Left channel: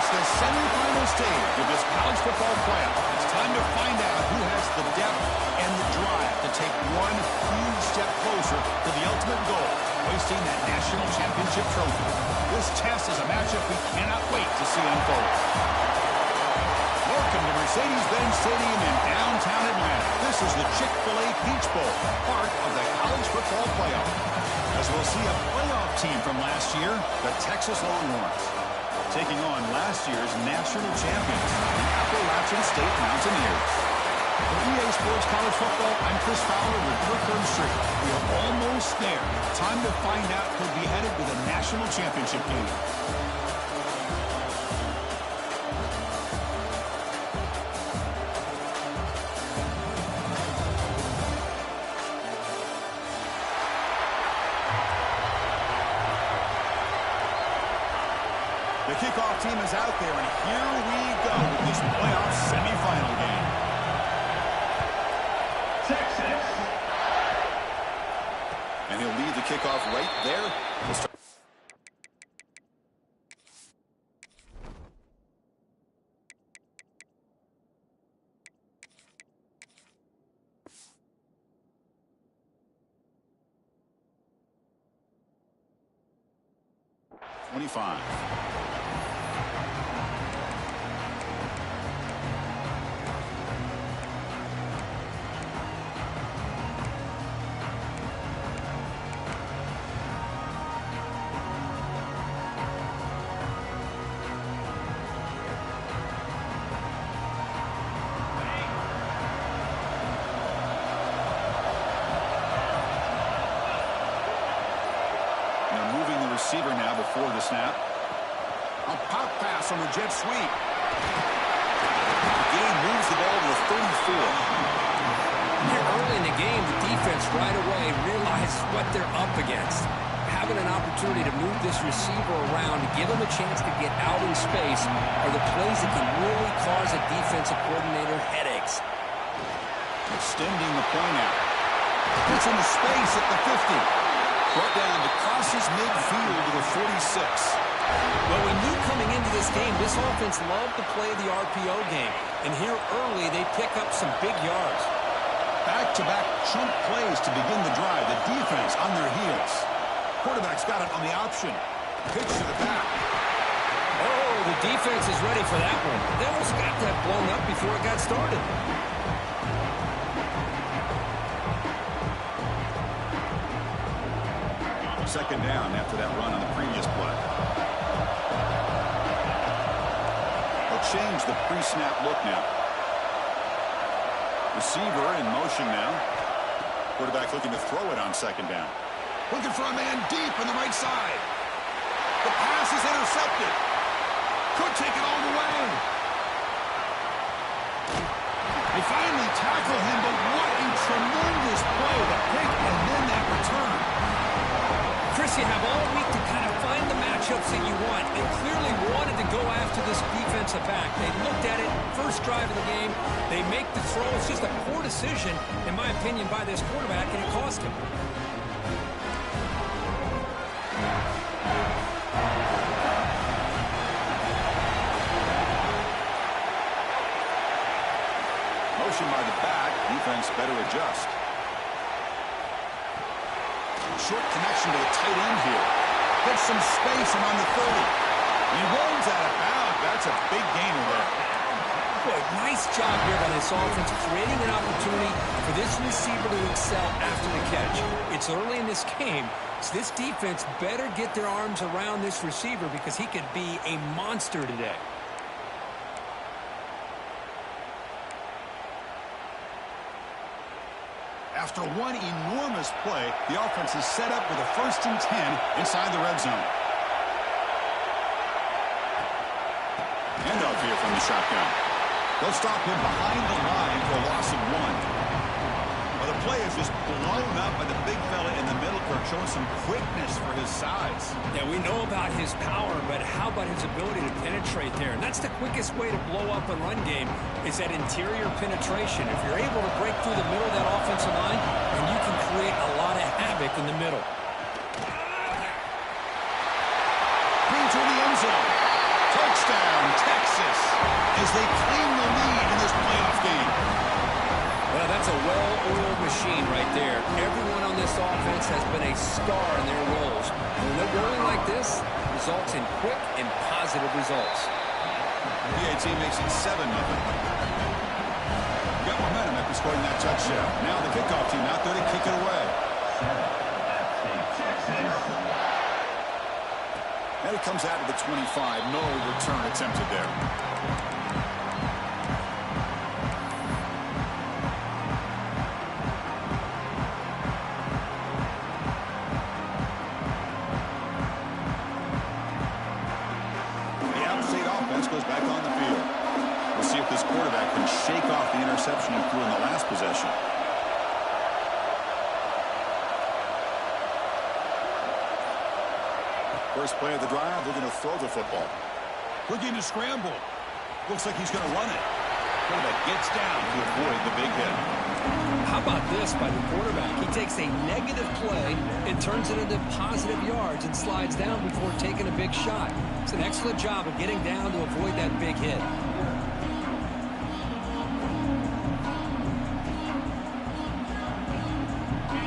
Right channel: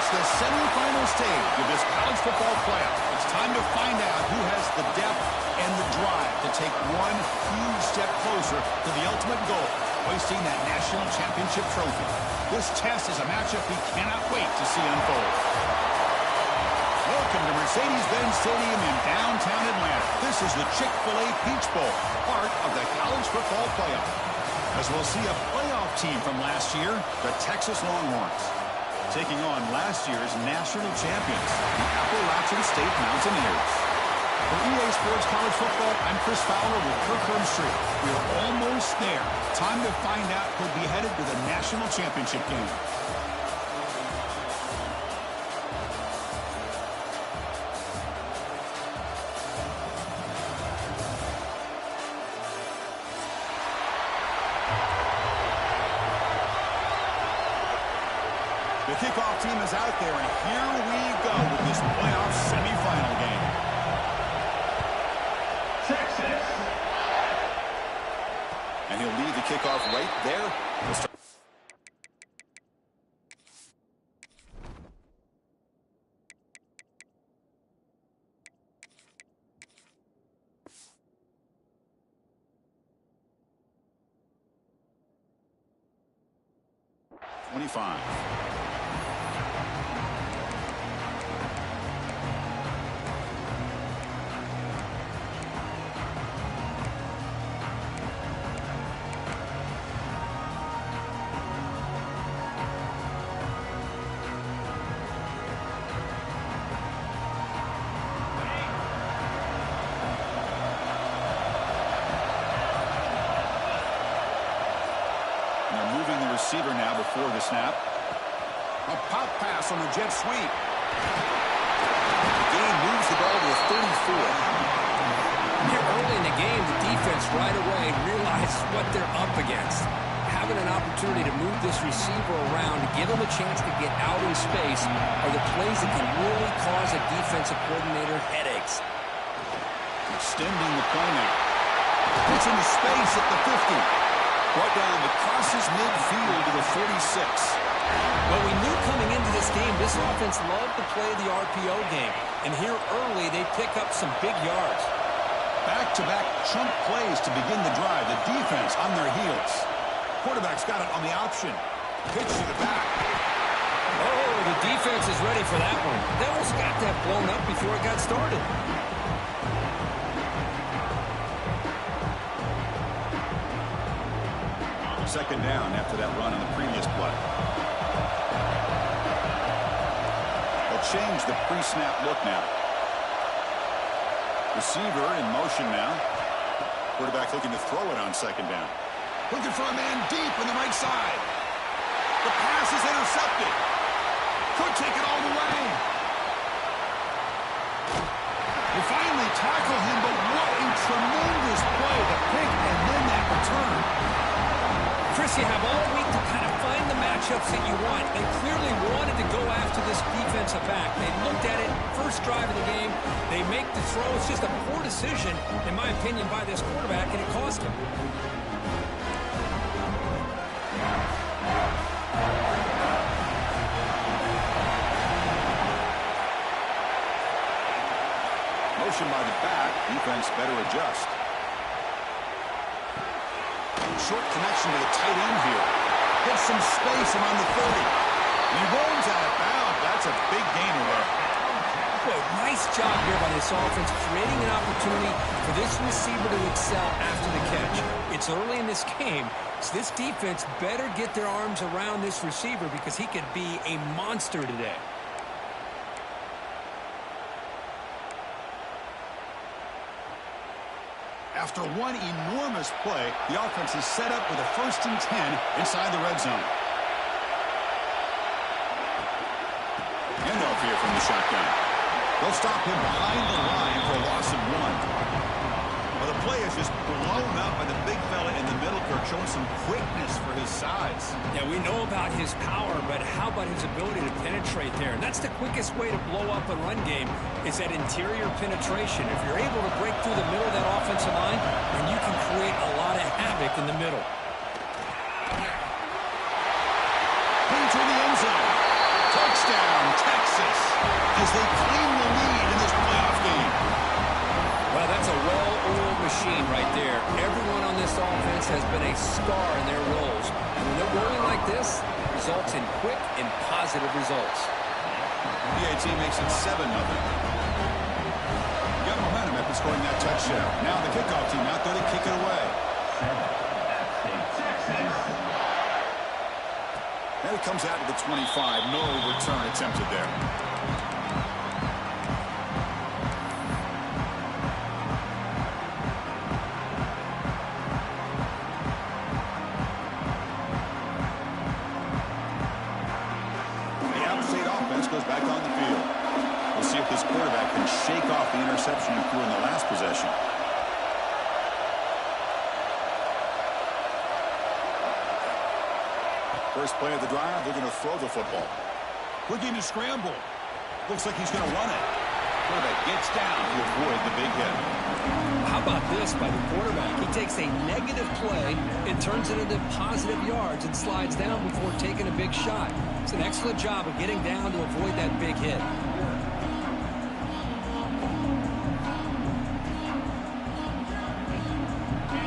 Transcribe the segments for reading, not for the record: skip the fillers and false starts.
reached the semifinal stage of this college football playoff. It's time to find out who has the depth and the drive to take one huge step closer to the ultimate goal, hoisting that national championship trophy. This test is a matchup we cannot wait to see unfold. Welcome to Mercedes-Benz Stadium in downtown Atlanta. This is the Chick-fil-A Peach Bowl, part of the college football playoff. As we'll see a playoff team from last year, the Texas Longhorns, taking on last year's national champions, the Appalachian State Mountaineers. For EA Sports College Football, I'm Chris Fowler with Kirk Herbstreit. We are almost there. Time to find out who'll be headed to the national championship game. The kickoff team is out there, and here we go with this playoff semifinal game. Texas. And he'll lead the kickoff right there. We'll start. '25. They're moving the receiver now before the snap. A pop pass on the jet sweep. The game moves the ball to the 34. Here early in the game, the defense right away realizes what they're up against. Having an opportunity to move this receiver around, to give him a chance to get out in space, are the plays that can really cause a defensive coordinator headaches. Extending the play now. Gets into space at the 50. Brought down to crosses midfield to the 46. Well, we knew coming into this game, this offense loved to play the RPO game. And here early, they pick up some big yards. Back-to-back chunk plays to begin the drive. The defense on their heels. Quarterback's got it on the option. Pitch to the back. Oh, the defense is ready for that one. They almost got that blown up before it got started. Second down after that run on the previous play. They'll change the pre-snap look now. Receiver in motion now. Quarterback looking to throw it on second down. Looking for a man deep on the right side. The pass is intercepted. Could take it all the way. They finally tackle him, but what a tremendous play. The pick and then that return. Chris, you have all week to kind of find the matchups that you want. They clearly wanted to go after this defensive back. They looked at it, first drive of the game. They make the throw. It's just a poor decision, in my opinion, by this quarterback, and it cost him. Motion by the back. Defense better adjust. Short connection to the tight end here. Gets some space around the 30. He rolls out of bounds. That's a big gainer there. Boy, nice job here by this offense, creating an opportunity for this receiver to excel after the catch. It's early in this game, so this defense better get their arms around this receiver because he could be a monster today. After one enormous play, the offense is set up with a 1st and 10 inside the red zone. Handoff here from the shotgun. They'll stop him behind the line for a loss of 1. Well, the play is just blown up by the big fella in the middle, Kirk, showing some quickness for his size. Yeah, we know about his power, but how about his ability to penetrate there? And that's the quickest way to blow up a run game is that interior penetration. If you're able to break through the middle of that offensive line, then you can create a lot of havoc in the middle. Into the end zone. Touchdown, Texas, as they claim the lead in this playoff game. Well, that's a well-oiled machine right there. Everyone on this offense has been a star in their roles. And when they're rolling like this, it results in quick and positive results. PAT makes it 7-0. Got momentum after scoring that touchdown. Now the kickoff team out there to kick it away. And it comes out to the 25. No return attempted there. The out-of-state offense goes back on the field. We'll see if this quarterback can shake off the interception he threw in the last possession. First play of the drive, they're going to throw the football. Looking to scramble. Looks like he's going to run it. Quarterback gets down to avoid the big hit. How about this by the quarterback? He takes a negative play and turns it into positive yards and slides down before taking a big shot. It's an excellent job of getting down to avoid that big hit.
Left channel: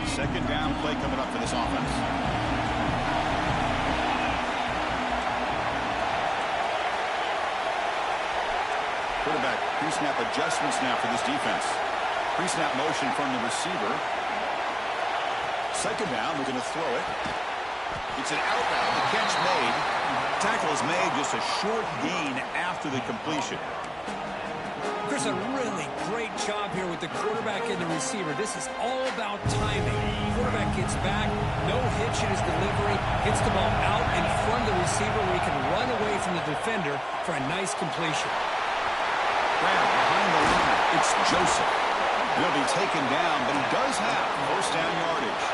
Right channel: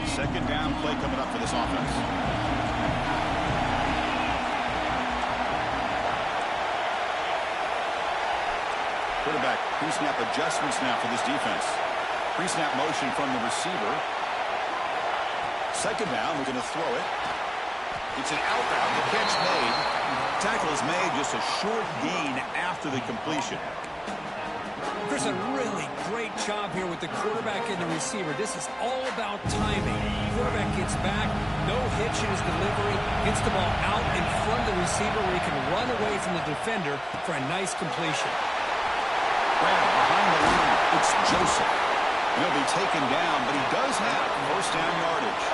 Second down play coming up for this offense. Quarterback pre-snap adjustments now for this defense. Pre-snap motion from the receiver. Second down, looking to throw it. It's an outbound. The catch made. Tackle is made, just a short gain after the completion. Chris, a really great job here with the quarterback and the receiver. This is all about timing. Quarterback gets back, no hitch in his delivery, gets the ball out in front of the receiver where he can run away from the defender for a nice completion. Grab behind the line. It's Joseph. He'll be taken down, but he does have first down yardage.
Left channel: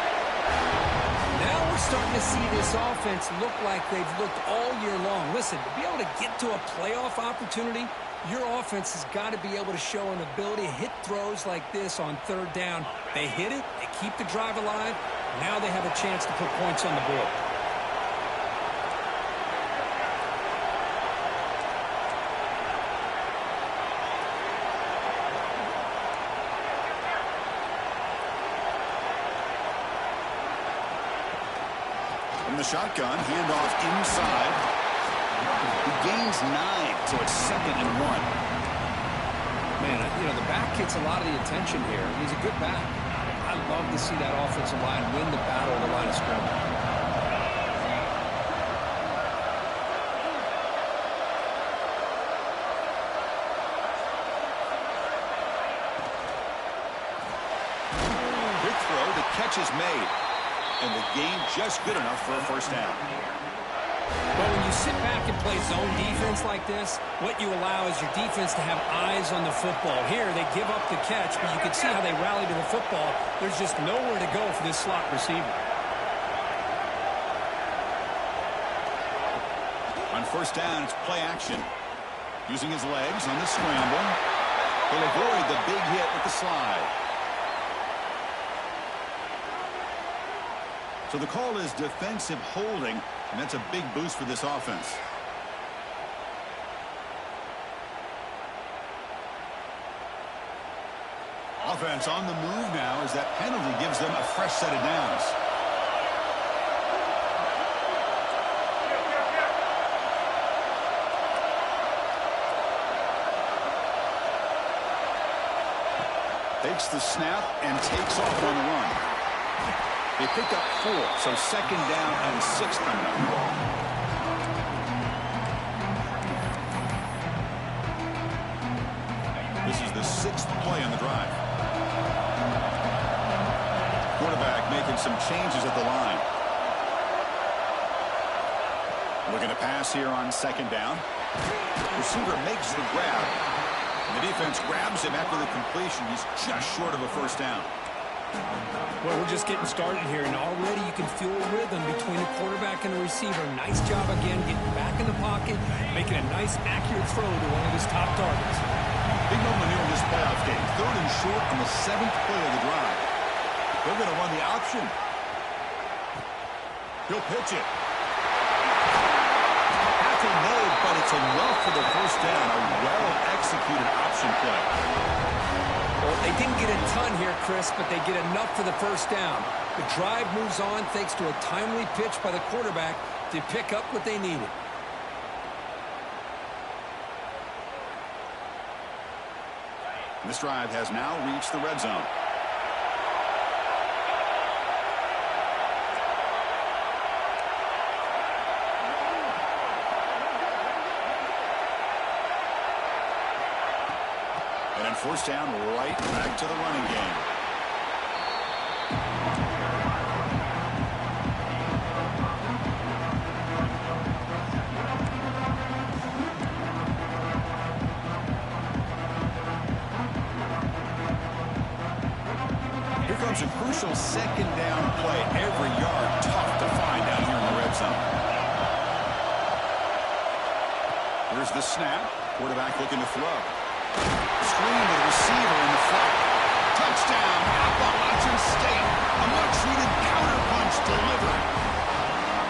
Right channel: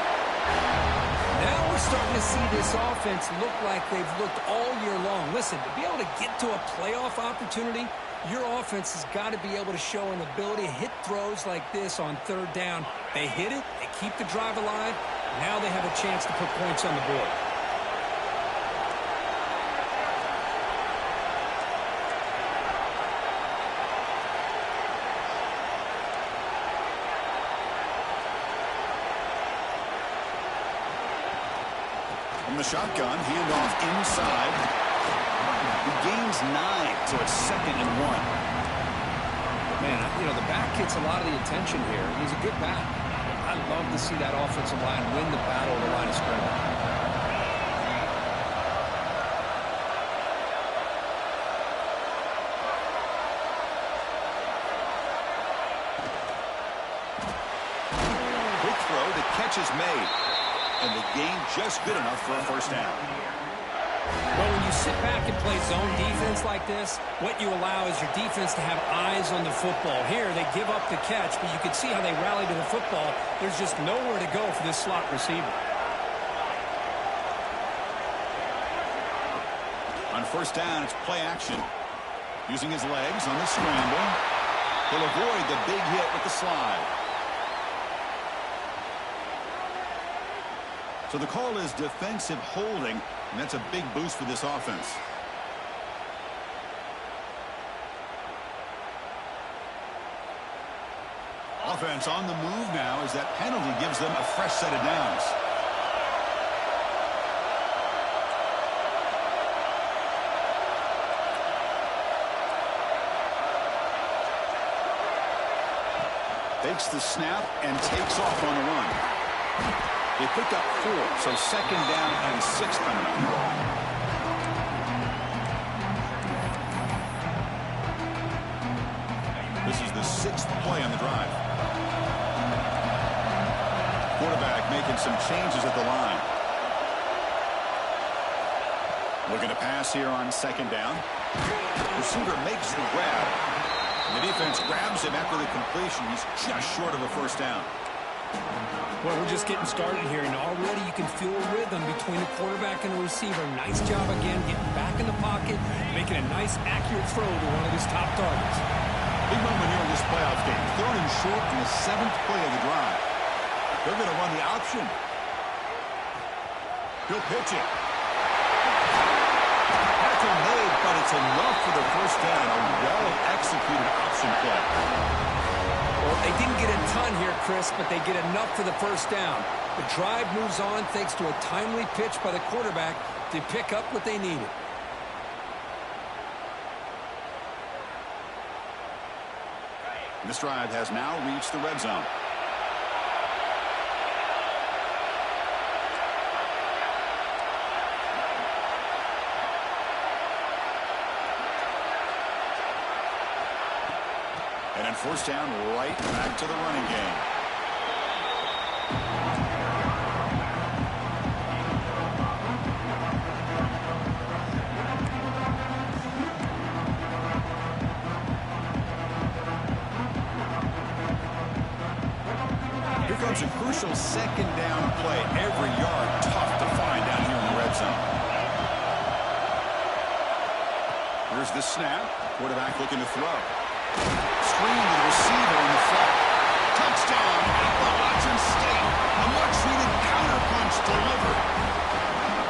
Now we're starting to see this offense look like they've looked all year long. Listen, to be able to get to a playoff opportunity, your offense has got to be able to show an ability to hit throws like this on third down. They hit it, they keep the drive alive. Now they have a chance to put points on the board. From the shotgun, handoff inside. He gains 9, so it's 2nd and 1. Man, you know, the back gets a lot of the attention here. He's a good back. I love to see that offensive line win the battle of the line of scrimmage. Quick throw, the catch is made. And the gain just good enough for a first down. Well, when you sit back and play zone defense like this, what you allow is your defense to have eyes on the football. Here, they give up the catch, but you can see how they rally to the football. There's just nowhere to go for this slot receiver. On first down, it's play action. Using his legs on the scramble. He'll avoid the big hit with the slide. So the call is defensive holding, and that's a big boost for this offense. Offense on the move now as that penalty gives them a fresh set of downs. Takes the snap and takes off on the run. They picked up 4, so 2nd down and 6 coming up. This is the 6th play on the drive. Quarterback making some changes at the line. Looking to pass here on 2nd down. Receiver makes the grab. And the defense grabs him after the completion. He's just short of a first down. Well, we're just getting started here, and already you can feel a rhythm between the quarterback and the receiver. Nice job again getting back in the pocket, making a nice, accurate throw to one of his top targets. Big moment here in this playoff game. 3rd and short on the 7th play of the drive. They're going to run the option. He'll pitch it. At tackle made, but it's enough for the first down. A well-executed option play. Well, they didn't get a ton here, Chris, but they get enough for the first down. The drive moves on thanks to a timely pitch by the quarterback to pick up what they needed. This drive has now reached the red zone. And then first down, right back to the running game. Here comes a crucial second down play. Every yard tough to find down here in the red zone. Here's the snap. Quarterback looking to throw. Screen to the receiver in the flat. Touchdown, Appalachian State. A much-needed counterpunch delivered.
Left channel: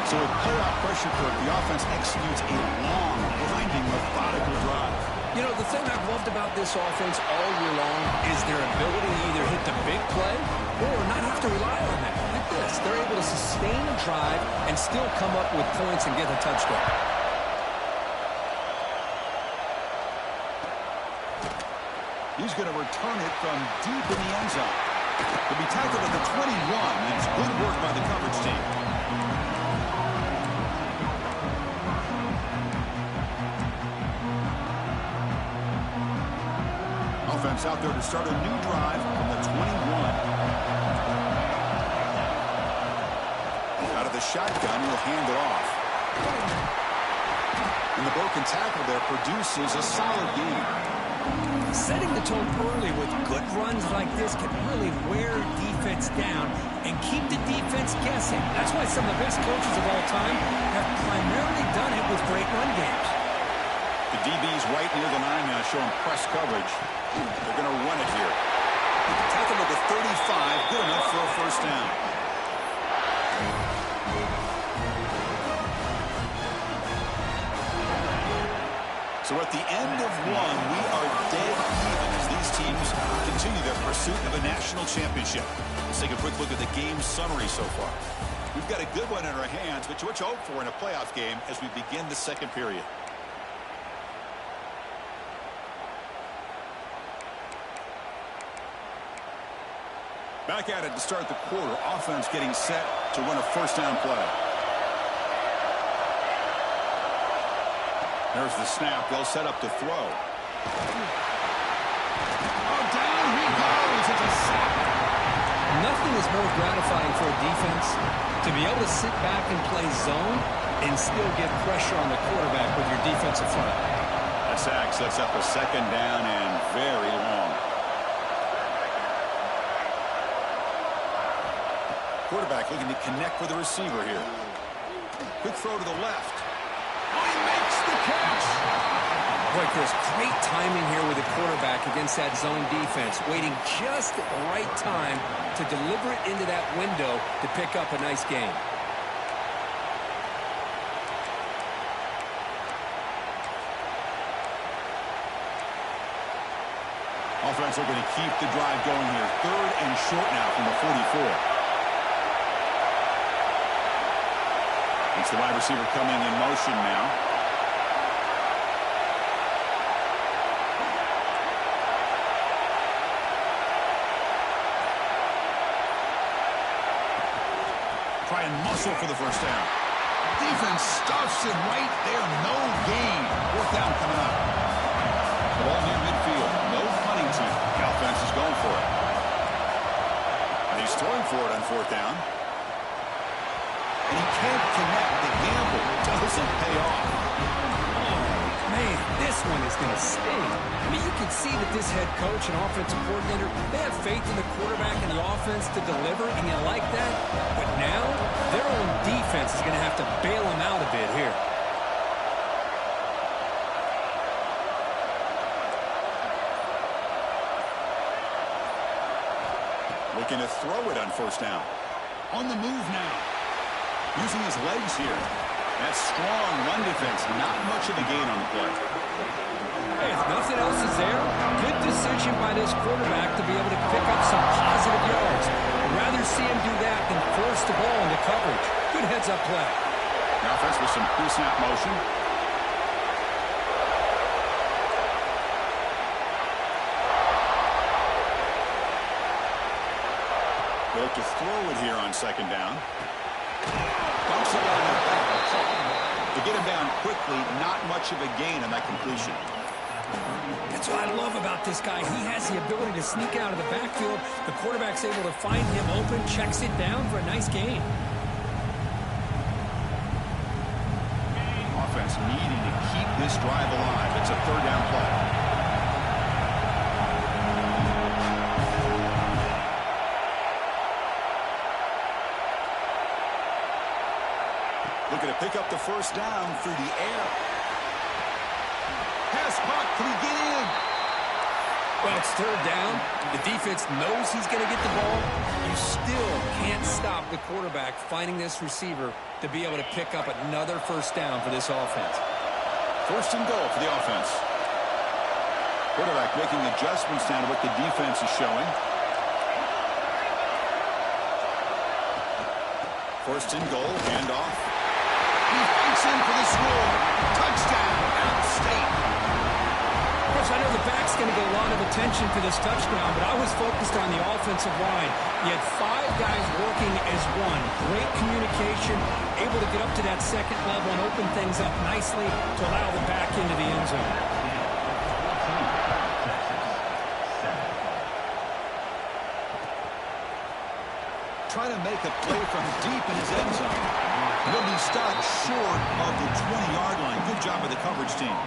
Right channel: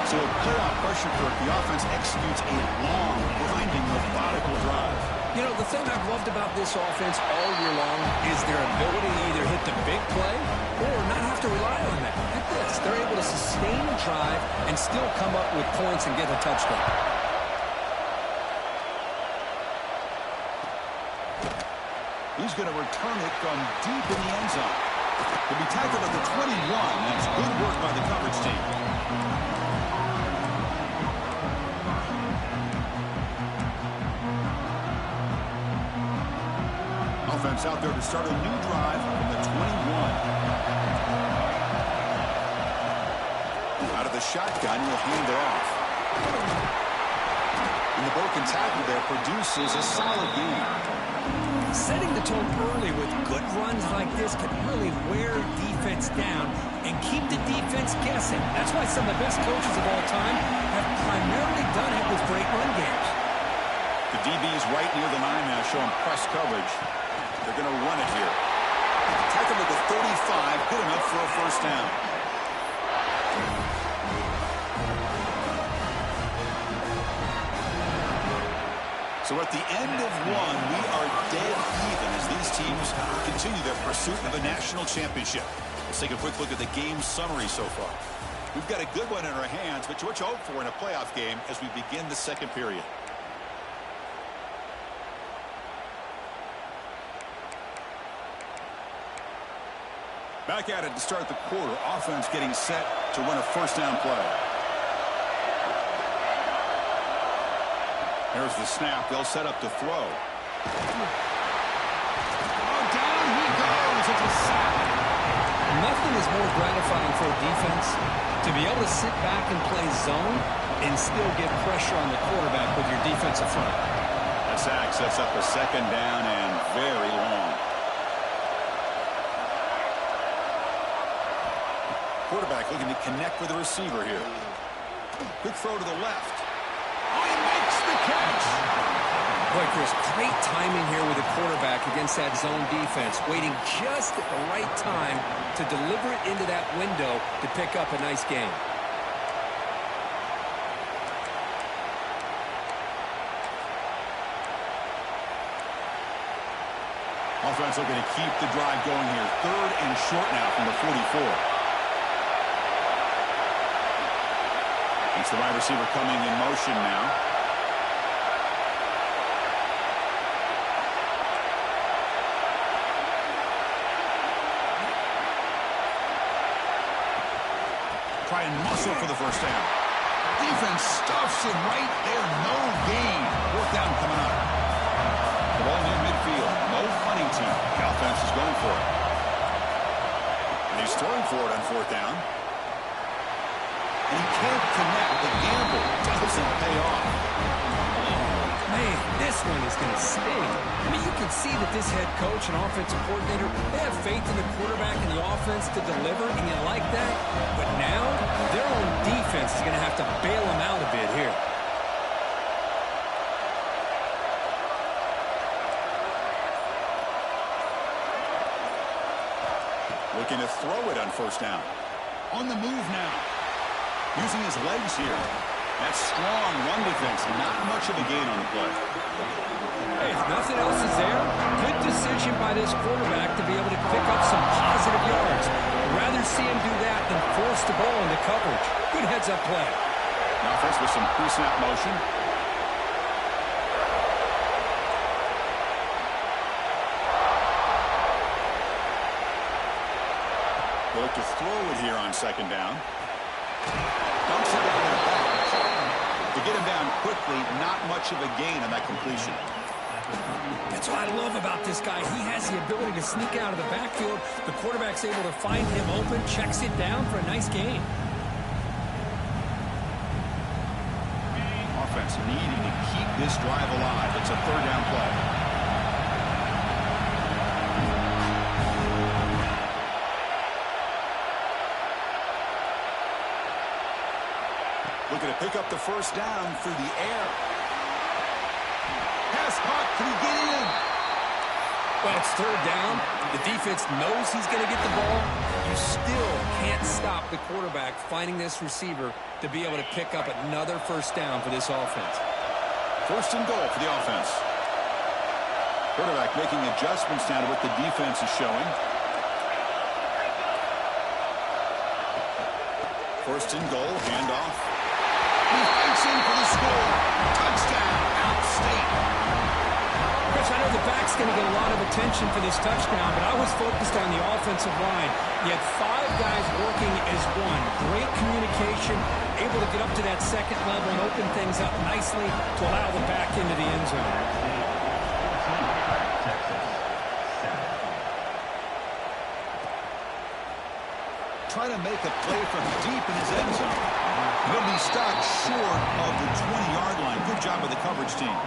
So with playoff pressure, Kirk, the offense executes a long, blinding, methodical drive. You know, the thing I've loved about this offense all year long is their ability to either hit the big play or not have to rely on that. Like this, they're able to sustain a drive and still come up with points and get a touchdown. He's going to return it from deep in the end zone. He'll be tackled at the 21. That's good work by the coverage team. Offense out there to start a new drive from the 21. Out of the shotgun, he'll hand it off. And the broken tackle there produces a solid gain. Setting the tone early with good runs like this can really wear defense down and keep the defense guessing. That's why some of the best coaches of all time have primarily done it with great run games. The DB's right near the line now showing press coverage. They're going to run it here. Tackle at the 35, good enough for a first down. So at the end of one, we are dead even as these teams continue their pursuit of a national championship. Let's take a quick look at the game summary so far. We've got a good one in our hands, but what you hope for in a playoff game as we begin the second period. Back at it to start the quarter. Offense getting set to run a first down play. There's the snap. They'll set up to throw. Oh, down he goes. It's a sack. Nothing is more gratifying for a defense to be able to sit back and play zone and still get pressure on the quarterback with your defensive front. That sack sets up a second down and very long. Quarterback looking to connect with the receiver here. Quick throw to the left. Oh, he makes the catch. Boy, Chris, great timing here with the quarterback against that zone defense, waiting just at the right time to deliver it into that window to pick up a nice gain. Offense looking to keep the drive going here. Third and short now from the 44. It's the wide receiver coming in motion now. Try and muscle for the first down. Defense stuffs him right there. No gain. Fourth down coming up. The ball near midfield. No punting team. The offense is going for it. And he's throwing for it on fourth down. And he can't connect. The gamble doesn't pay off. Oh, man, this one is going to sting. I mean, you can see that this head coach and offensive coordinator, they have faith in the quarterback and the offense to deliver, and you like that. But now, their own defense is going to have to bail them out a bit here. Looking to throw it on first down. On the move now. Using his legs here. That's strong run defense. Not much of a gain on the play. Hey, if nothing else is there, good decision by this quarterback to be able to pick up some positive yards. I'd rather see him do that than force the ball into coverage. Good heads-up play. Now offense with some pre-snap motion. They look to throw it here on second down. Dumps it down in the back. To get him down quickly, not much of a gain on that completion. That's what I love about this guy. He has the ability to sneak out of the backfield. The quarterback's able to find him open, checks it down for a nice gain. Offense needing to keep this drive alive. It's a third down play. Looking to pick up the first down through the air. Pass caught. Can he get in? Well, it's third down. The defense knows he's going to get the ball. You still can't stop the quarterback finding this receiver to be able to pick up another first down for this offense. First and goal for the offense. Quarterback making adjustments now to what the defense is showing. First and goal, handoff. He fights in for the score. Touchdown, out-state. Chris, I know the back's going to get a lot of attention for this touchdown, but I was focused on the offensive line. You had 5 guys working as one. Great communication, able to get up to that second level and open things up nicely to allow the back into the end zone. Try to make a play from deep in his end zone. He'll be stopped short of the 20-yard line. Good job by the coverage team.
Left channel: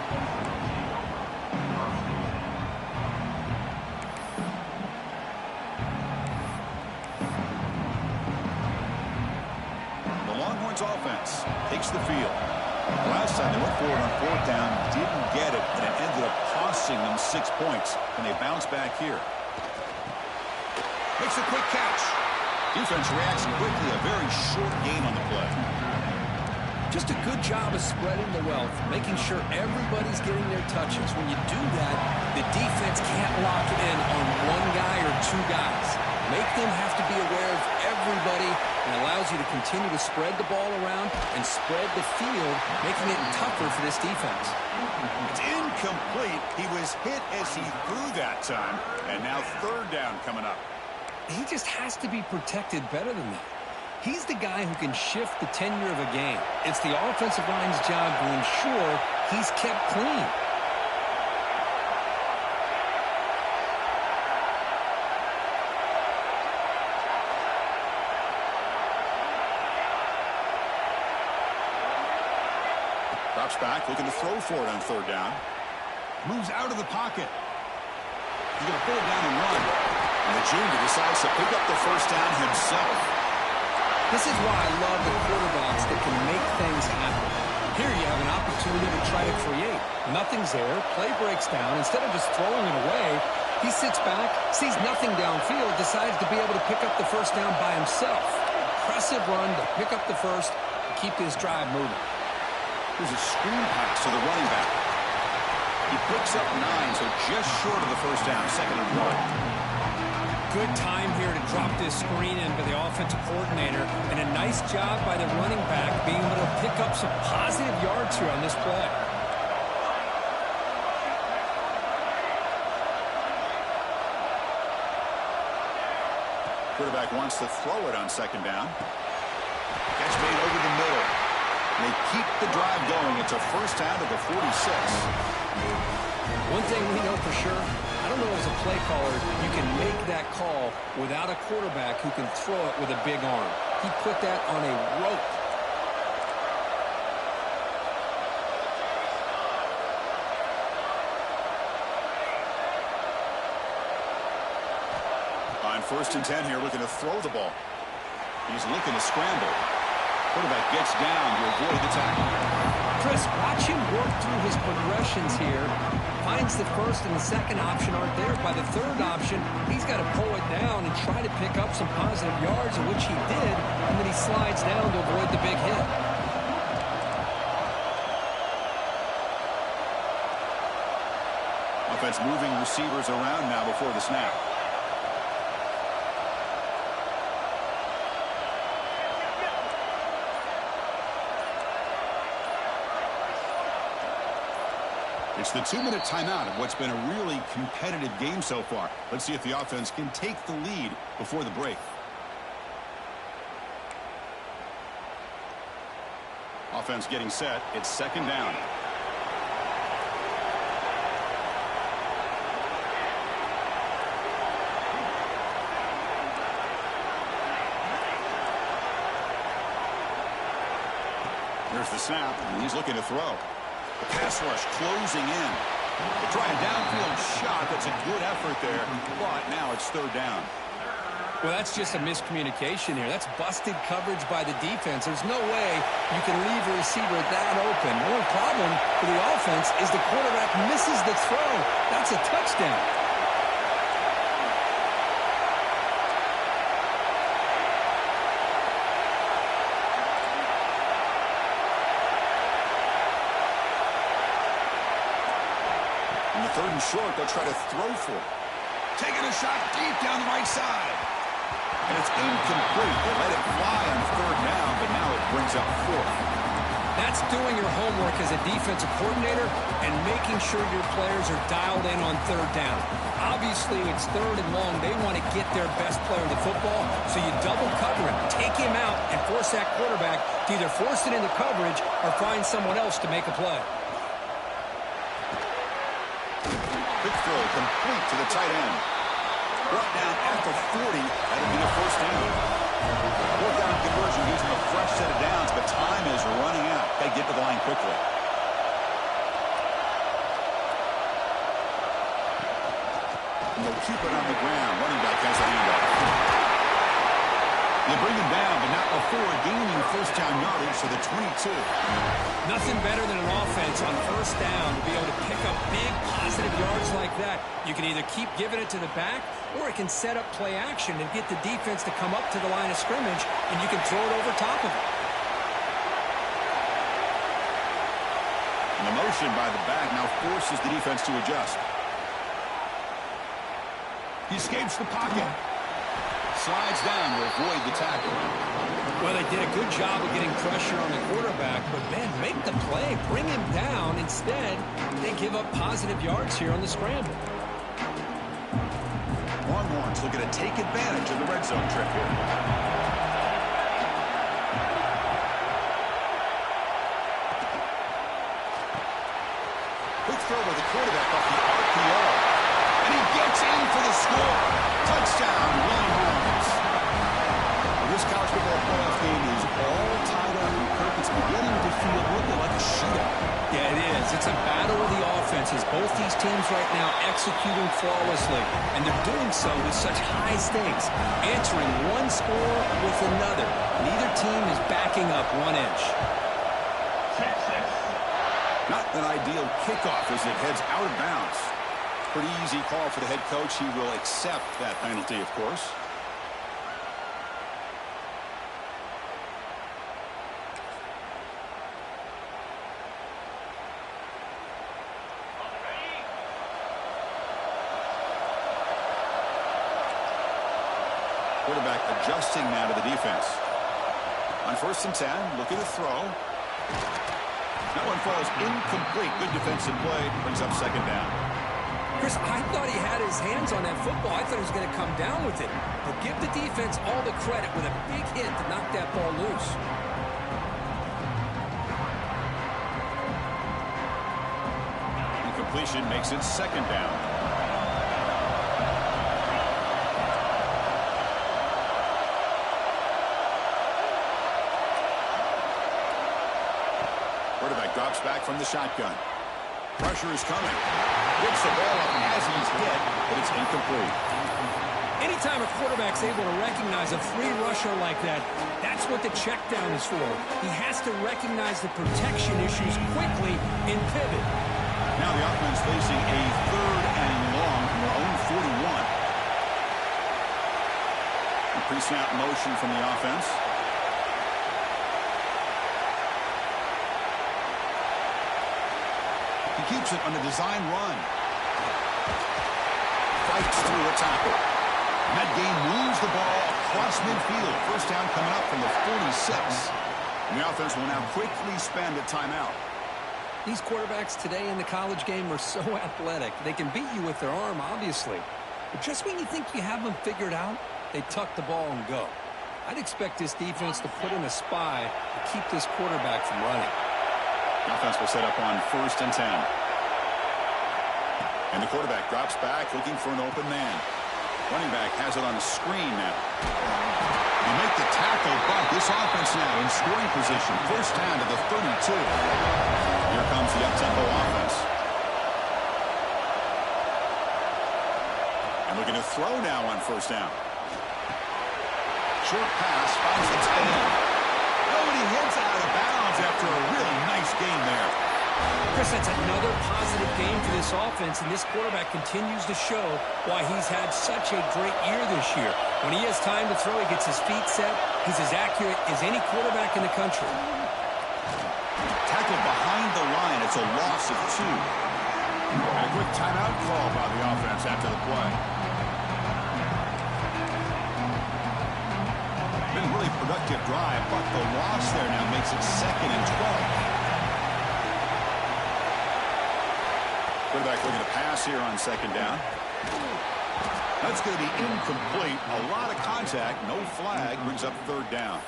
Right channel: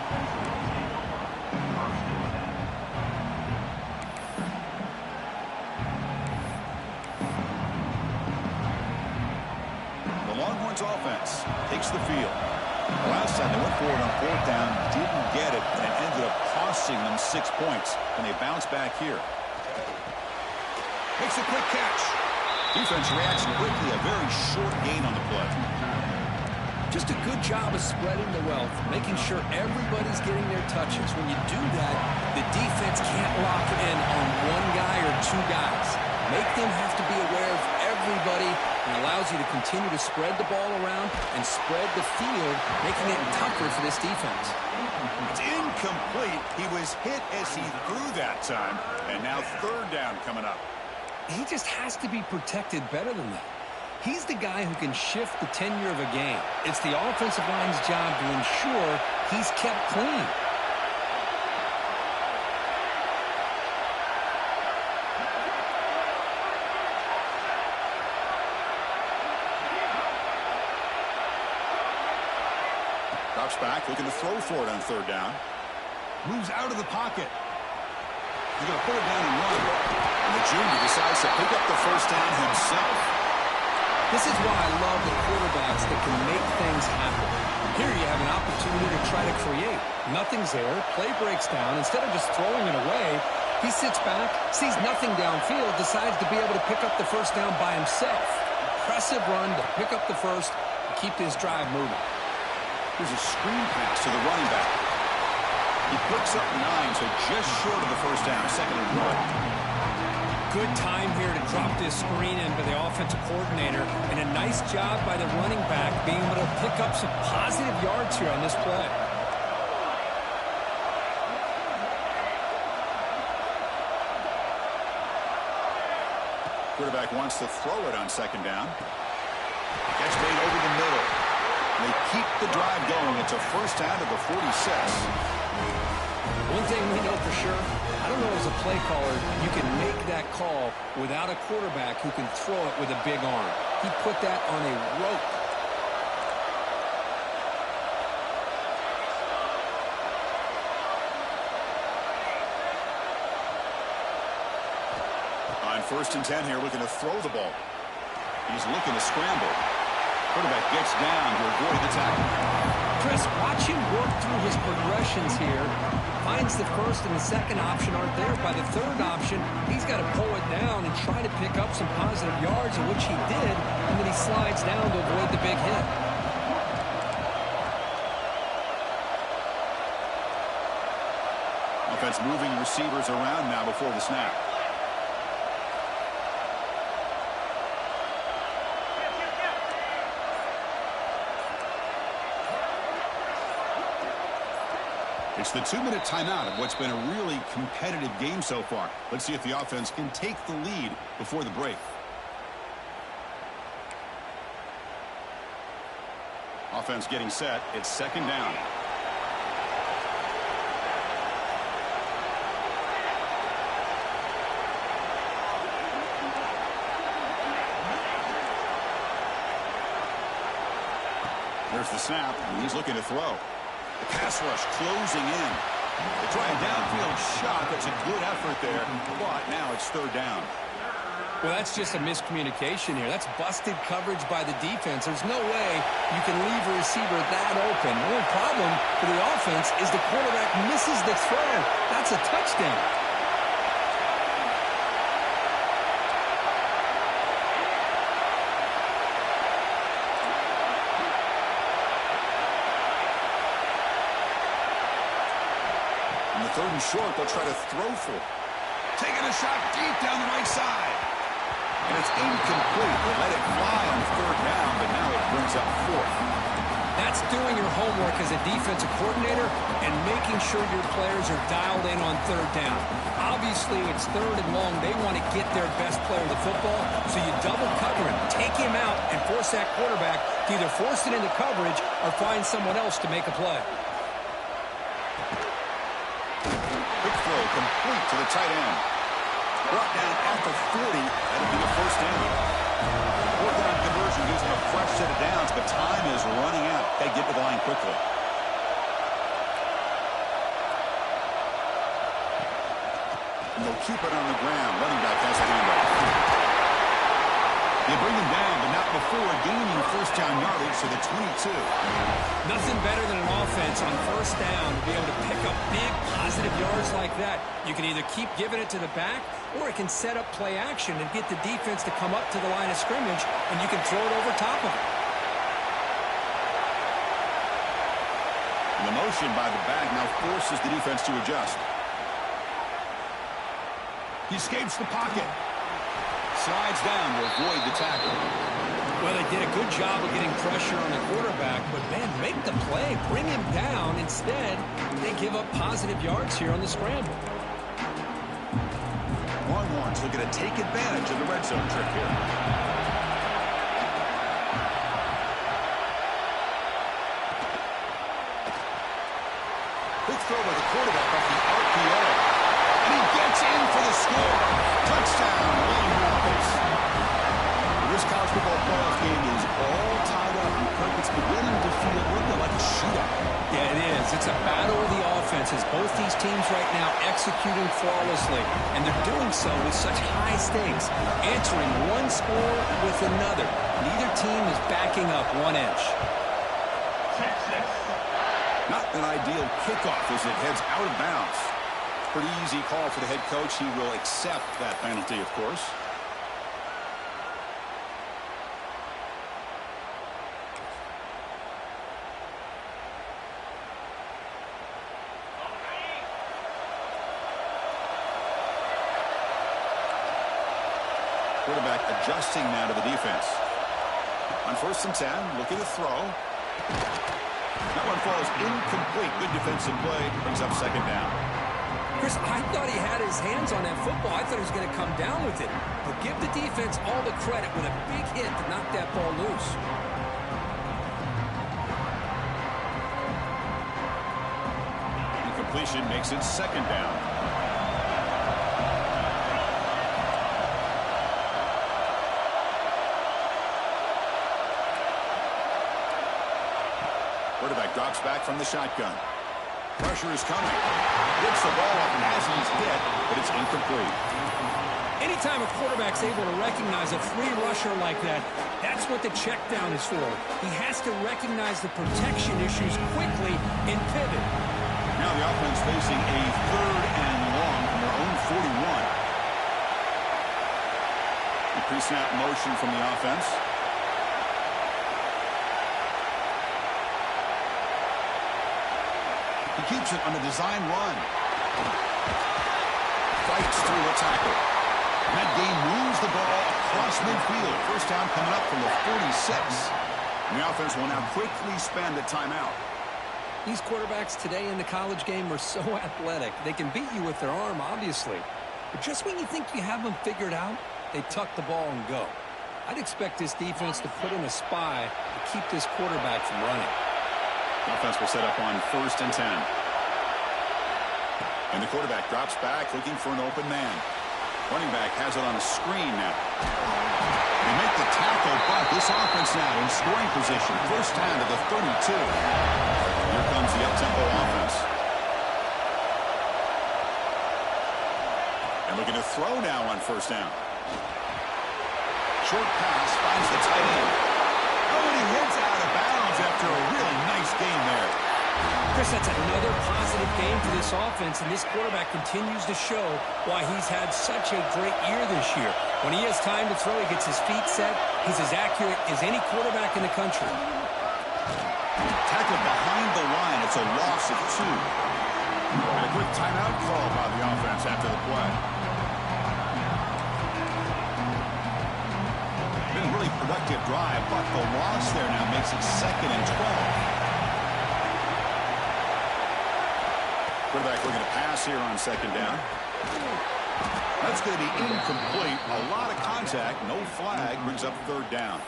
The Longhorns offense takes the field. Last time they went forward on fourth down, didn't get it, and it ended up costing them 6 points. And they bounce back here. Makes a quick catch. Defense reacts quickly, a very short gain on the play. Just a good job of spreading the wealth, making sure everybody's getting their touches. When you do that, the defense can't lock in on one guy or 2 guys. Make them have to be aware of everybody, and allows you to continue to spread the ball around and spread the field, making it tougher for this defense. It's incomplete. He was hit as he threw that time, and now third down coming up. He just has to be protected better than that. He's the guy who can shift the tenure of a game. It's the offensive line's job to ensure he's kept clean. Drops back, looking to throw for it on third down. Moves out of the pocket. He's going to put it down and run. And the junior decides to pick up the first down himself. This is why I love the quarterbacks that can make things happen. Here you have an opportunity to try to create. Nothing's there. Play breaks down. Instead of just throwing it away, he sits back, sees nothing downfield, decides to be able to pick up the first down by himself. Impressive run to pick up the first and keep this drive moving. Here's a screen pass to the running back. He picks up 9, so just short of the first down, second and 1. Good time here to drop this screen in by the offensive coordinator, and a nice job by the running back being able to pick up some positive yards here on this play. Quarterback wants to throw it on second down. Catch made over the middle. And they keep the drive going. It's a first down to the 46. One thing we know for sure, I don't know as a play caller, you can make that call without a quarterback who can throw it with a big arm. He put that on a rope. On first and 10 here, looking to throw the ball. He's looking to scramble. Quarterback gets down to avoid the tackle. Chris, watch him work through his progressions here. Finds the first and the second option aren't there. By the third option, he's got to pull it down and try to pick up some positive yards, of which he did, and then he slides down to avoid the big hit. Offense moving receivers around now before the snap. It's the 2-minute timeout of what's been a really competitive game so far. Let's see if the offense can take the lead before the break. Offense getting set. It's second down. There's the snap, and he's looking to throw. The pass rush closing in. They try a downfield shot. That's a good effort there, but now it's third down. Well, that's just a miscommunication here. That's busted coverage by the defense. There's no way you can leave a receiver that open. The only problem for the offense is the quarterback misses the throw. That's a touchdown. On the third and short, they'll try to throw for it. Taking a shot deep down the right side. And it's incomplete. They let it fly on third down, but now it brings up fourth. That's doing your homework as a defensive coordinator and making sure your players are dialed in on third down. Obviously, it's third and long. They want to get their best player the football, so you double cover him, take him out, and force that quarterback to either force it into coverage or find someone else to make a play. Quick throw complete to the tight end. Brought down at the 40. That'll be a first down. Fourth down conversion gives them a fresh set of downs, but time is running out. Got to get to the line quickly. And they'll keep it on the ground. Running back has a handoff. They bring him down, but not before gaining first down yardage to the 22. Nothing better than an offense on first down to be able to pick up big positive yards like that. You can either keep giving it to the back, or it can set up play action and get the defense to come up to the line of scrimmage, and you can throw it over top of it. And the motion by the back now forces the defense to adjust. He escapes the pocket. Slides down to avoid the tackle. Well, they did a good job of getting pressure on the quarterback, but, man, make the play. Bring him down. Instead, they give up positive yards here on the scramble. Longhorns looking to take advantage of the red zone trip here. Quick throw by the quarterback off the RPO. And he gets in for the score. Touchdown, Longhorns. Well, this college football playoff game is all tied up, and Kirk, it's beginning to feel a little bit like a shootout. Yeah, it is. It's a battle of the offenses. Both these teams right now executing flawlessly, and they're doing so with such high stakes, answering one score with another. Neither team is backing up 1 inch. Texas. Not an ideal kickoff as it heads out of bounds. Pretty easy call for the head coach. He will accept that penalty, of course. Quarterback adjusting now to the defense. On 1st and 10, looking to throw. That one falls incomplete. Good defensive play. Brings up second down. Chris, I thought he had his hands on that football. I thought he was going to come down with it. But give the defense all the credit with a big hit to knock that ball loose. Incompletion makes it second down. Quarterback drops back from the shotgun. Pressure is coming. Gets the ball up as he's hit, but it's incomplete. Anytime a quarterback's able to recognize a free rusher like that, that's what the check down is for. He has to recognize the protection issues quickly and pivot. Now the offense facing a third and long from their own 41. A pre-snap motion from the offense. He keeps it on a design run. Fights through a tackle. And that game moves the ball across midfield. First down coming up from the 46. And the offense will now quickly spend a timeout. These quarterbacks today in the college game are so athletic. They can beat you with their arm, obviously. But just when you think you have them figured out, they tuck the ball and go. I'd expect this defense to put in a spy to keep this quarterback from running. The offense will set up on 1st and 10. And the quarterback drops back looking for an open man. Running back has it on a screen now. They make the tackle, but this offense now in scoring position. First down to the 32. Here comes the up-tempo offense. And looking to throw now on 1st down. Short pass finds the tight end. Oh, and he hits out of bounds after a really nice game there. Chris, that's another positive game for this offense, and this quarterback continues to show why he's had such a great year this year. When he has time to throw, he gets his feet set. He's as accurate as any quarterback in the country. Tackled behind the line. It's a loss of 2. And a quick timeout call by the offense after the play. Been a really productive drive, but the loss there now makes it 2nd and 12. Quarterback looking to pass here on 2nd down. That's going to be incomplete. A lot of contact. No flag. Brings up 3rd down.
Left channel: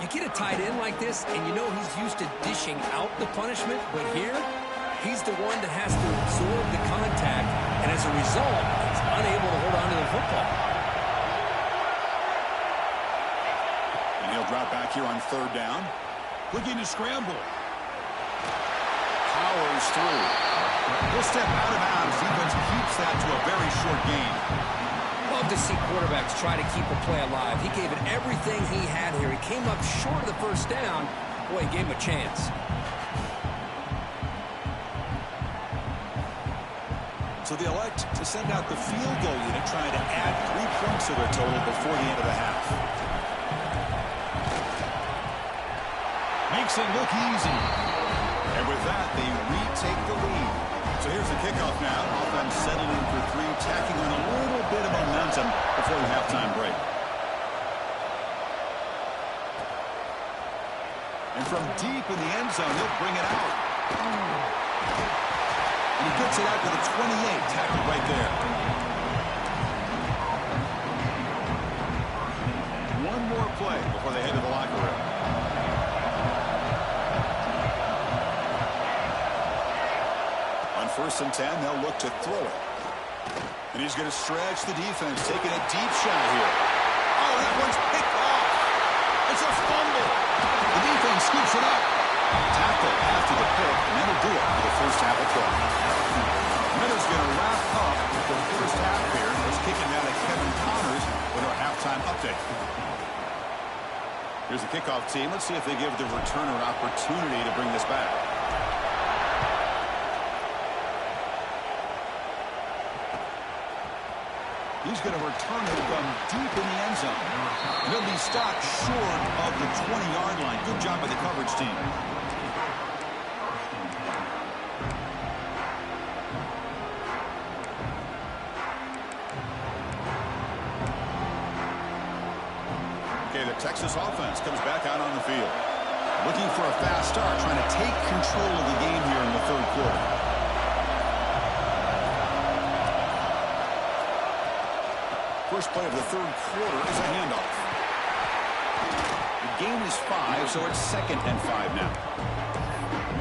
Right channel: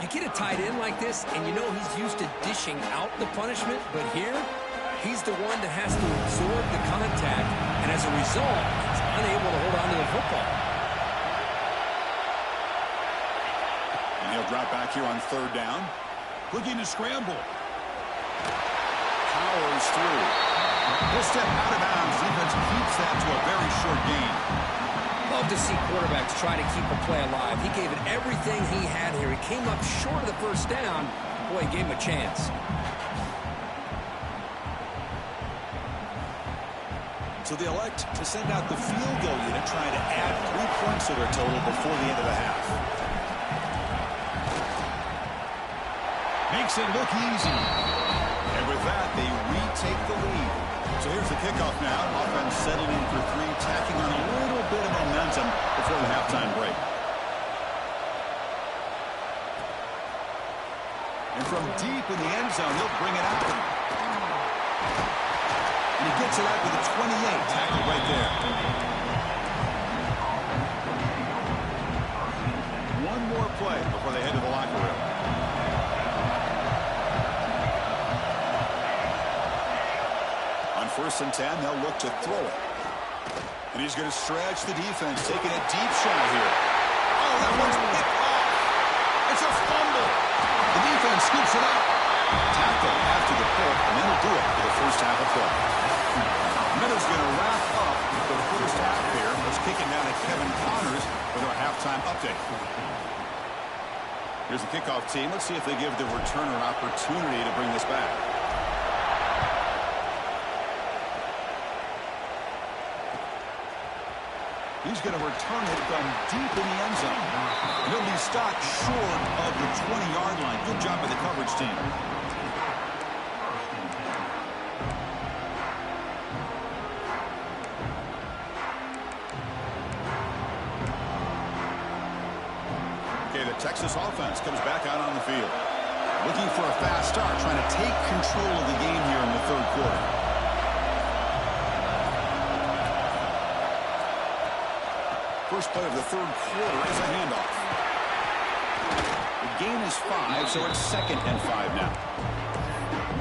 You get a tight end like this, and you know he's used to dishing out the punishment, but here, he's the one that has to absorb the contact, and as a result, he's unable to hold on to the football. And he'll drop back here on 3rd down. Looking to scramble. Powers through. He'll step out of bounds. Defense keeps that to a very short gain. Love to see quarterbacks try to keep a play alive. He gave it everything he had here. He came up short of the 1st down. Boy, he gave him a chance. So they elect to send out the field goal unit, trying to add 3 points to their total before the end of the half. Makes it look easy. And with that, they retake the lead. So here's the kickoff now. Offense settling in for 3, tacking on a little bit of momentum before the halftime break. And from deep in the end zone, he'll bring it out. And he gets it out to the 28, tackled right there. One more play before they head to the locker room. On 1st and 10, they'll look to throw it. And he's going to stretch the defense, taking a deep shot here. Oh, that one's picked off. It's a fumble. The defense scoops it up. Tackle after the pick, and that'll do it for the first half of play. Miller's going to wrap up the first half here. Let's kick it down to Kevin Connors with our halftime update. Here's the kickoff team. Let's see if they give the returner an opportunity to bring this back. He's going to return it from deep in the end zone. And he'll be stopped short of the 20-yard line. Good job by the coverage team. Okay, the Texas offense comes back out on the field. Looking for a fast start, trying to take control of the game here in the 3rd quarter. First play of the 3rd quarter is a handoff. The gain is 5, so it's 2nd and 5 now.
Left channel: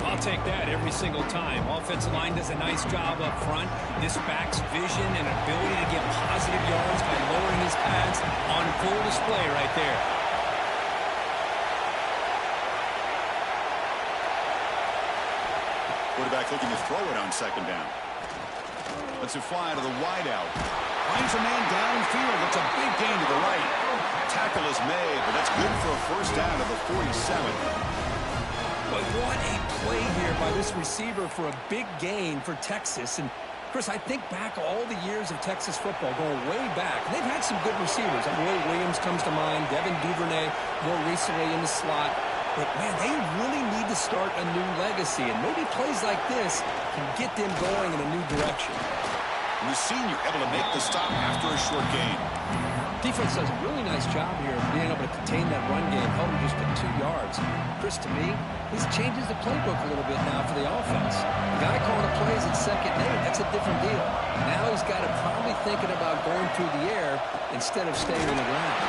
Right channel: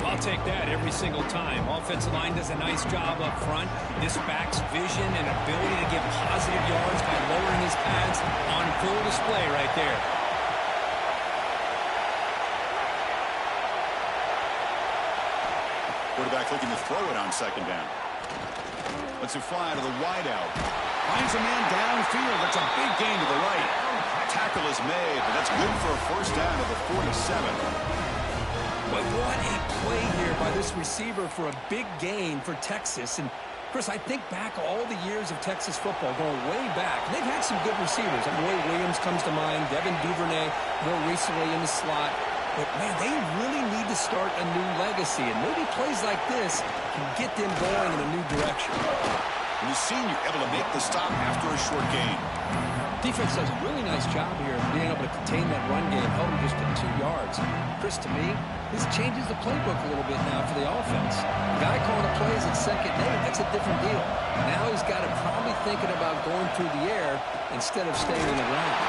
I'll take that every single time. Offensive line does a nice job up front. This back's vision and ability to get positive yards by lowering his pads on full display right there. Quarterback looking to throw it on 2nd down. Lets it fly to the wideout. Finds a man downfield. That's a big gain to the right. Tackle is made, but that's good for a first down to the 47. But what a play here by this receiver for a big gain for Texas. And, Chris, I think back all the years of Texas football, going way back. They've had some good receivers. Roy Williams comes to mind, Devin Duvernay more recently in the slot. But, man, they really need to start a new legacy, and maybe plays like this can get them going in a new direction. And the senior able to make the stop after a short gain. Defense does a really nice job here of being able to contain that run game, held him just at 2 yards. Chris, to me, this changes the playbook a little bit now for the offense. The guy calling the plays at 2nd and 8, that's a different deal. Now he's got to probably thinking about going through the air instead of staying on the ground.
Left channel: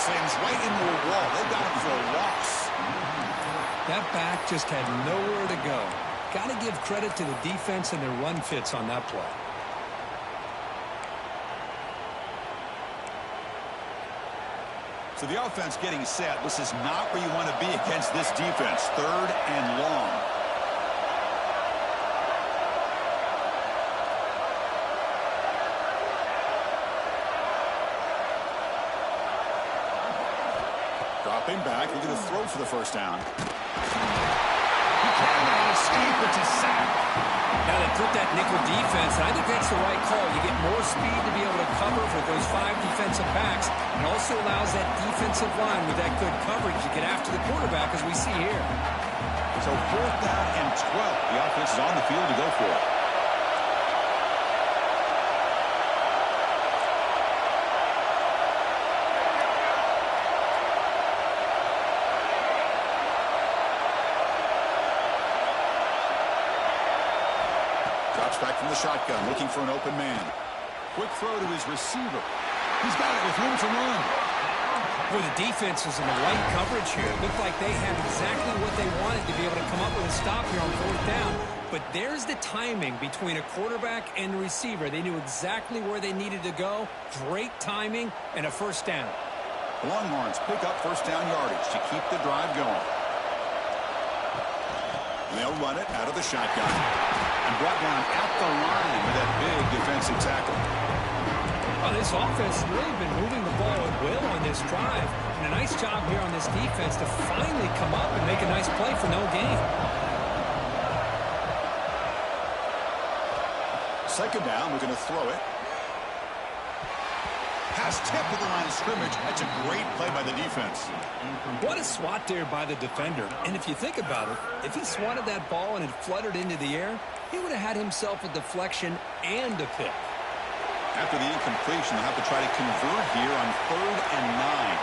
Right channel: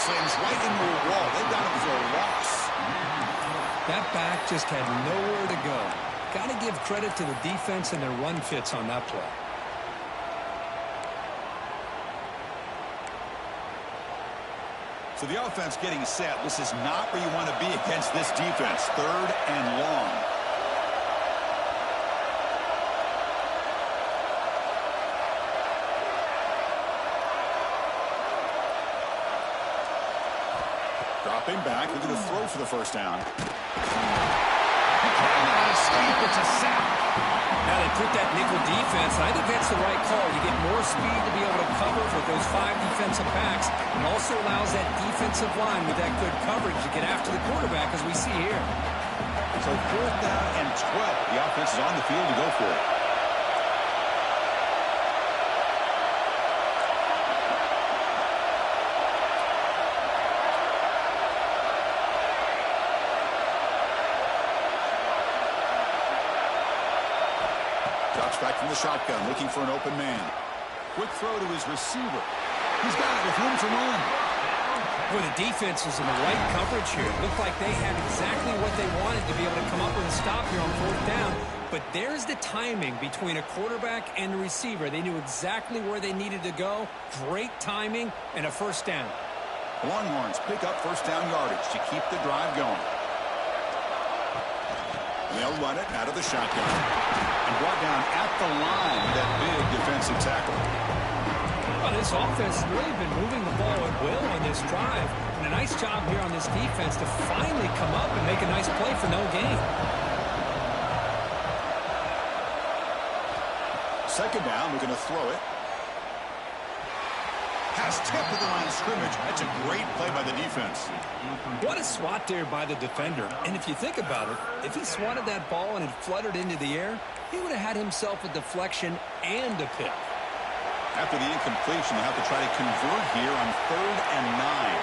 Slams right into a wall. They've got him for a loss. That back just had nowhere to go. Got to give credit to the defense and their run fits on that play. So the offense getting set. This is not where you want to be against this defense. 3rd and long. Dropping back, looking to throw for the first down. He cannot escape. It's a sack. Now they put that nickel defense, and I think that's the right call. You get more speed to be able to cover with those 5 defensive backs, and also allows that defensive line with that good coverage to get after the quarterback, as we see here. So 4th down and 12. The offense is on the field to go for it. Drops back from the shotgun, looking for an open man. Quick throw to his receiver. He's got it with room to run. Boy, the defense was in the right coverage here. Looked like they had exactly what they wanted to be able to come up with a stop here on 4th down. But there's the timing between a quarterback and the receiver. They knew exactly where they needed to go. Great timing and a first down. Longhorns pick up first down yardage to keep the drive going. And they'll run it out of the shotgun. And brought down at the line with that big defensive tackle. Well, this offense has really been moving the ball at will on this drive. And a nice job here on this defense to finally come up and make a nice play for no gain. 2nd down, we're going to throw it. Pass tipped to the line of scrimmage. That's a great play by the defense. What a swat there by the defender. And if you think about it, if he swatted that ball and it fluttered into the air, he would have had himself a deflection and a pick. After the incompletion, they'll have to try to convert here on 3rd and 9.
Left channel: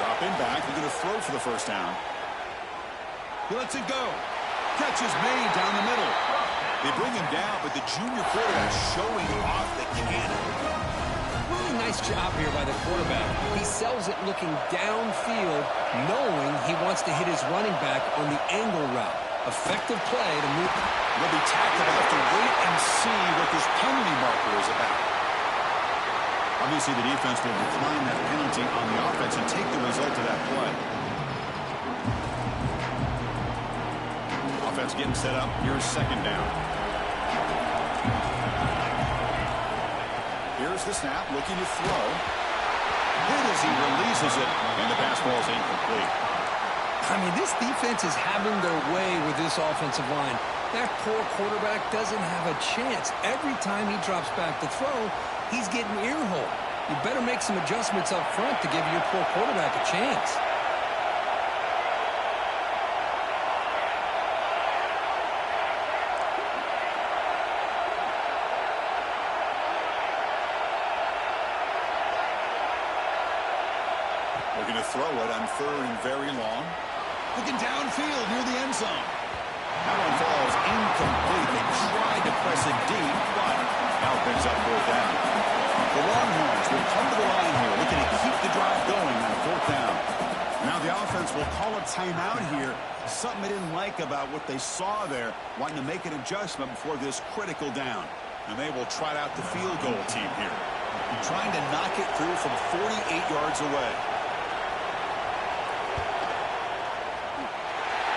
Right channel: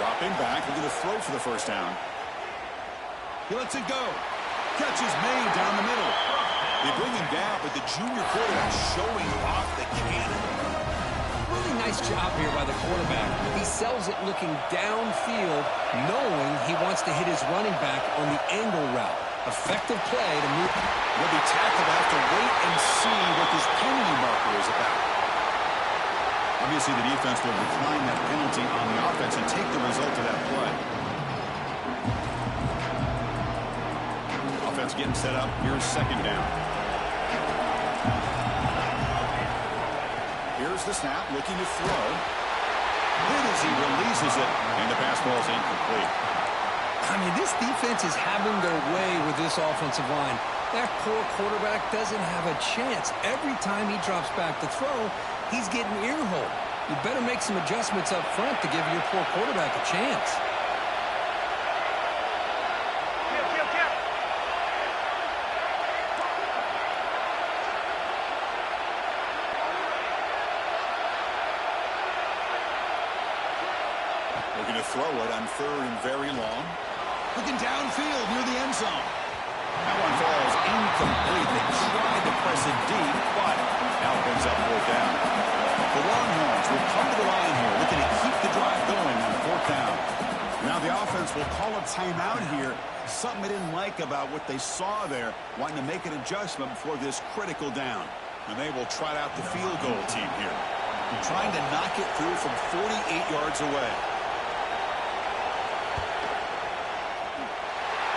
Dropping back, looking to throw for the first down. He lets it go. Catch is made down the middle. They bring him down, but the junior quarterback showing off the cannon. Really nice job here by the quarterback. He sells it looking downfield, knowing he wants to hit his running back on the angle route. Effective play to move. He'll be tackled. Have to wait and see what this penalty marker is about. Obviously, the defense will decline that penalty on the offense and take the result of that play. Offense getting set up. Here's 2nd down. Here's the snap, looking to throw. Hit as he releases it, and the pass ball is incomplete. I mean, this defense is having their way with this offensive line. That poor quarterback doesn't have a chance. Every time he drops back to throw, he's getting ear-holed. You better make some adjustments up front to give your poor quarterback a chance. Looking to throw it on 3rd and very long. Looking downfield near the end zone. That one falls incomplete. They tried to press it deep, but now it brings up 4th down. The Longhorns will come to the line here, looking to keep the drive going on 4th down. Now the offense will call a timeout here. Something they didn't like about what they saw there, wanting to make an adjustment before this critical down. And they will trot out the field goal team here, trying to knock it through from 48 yards away.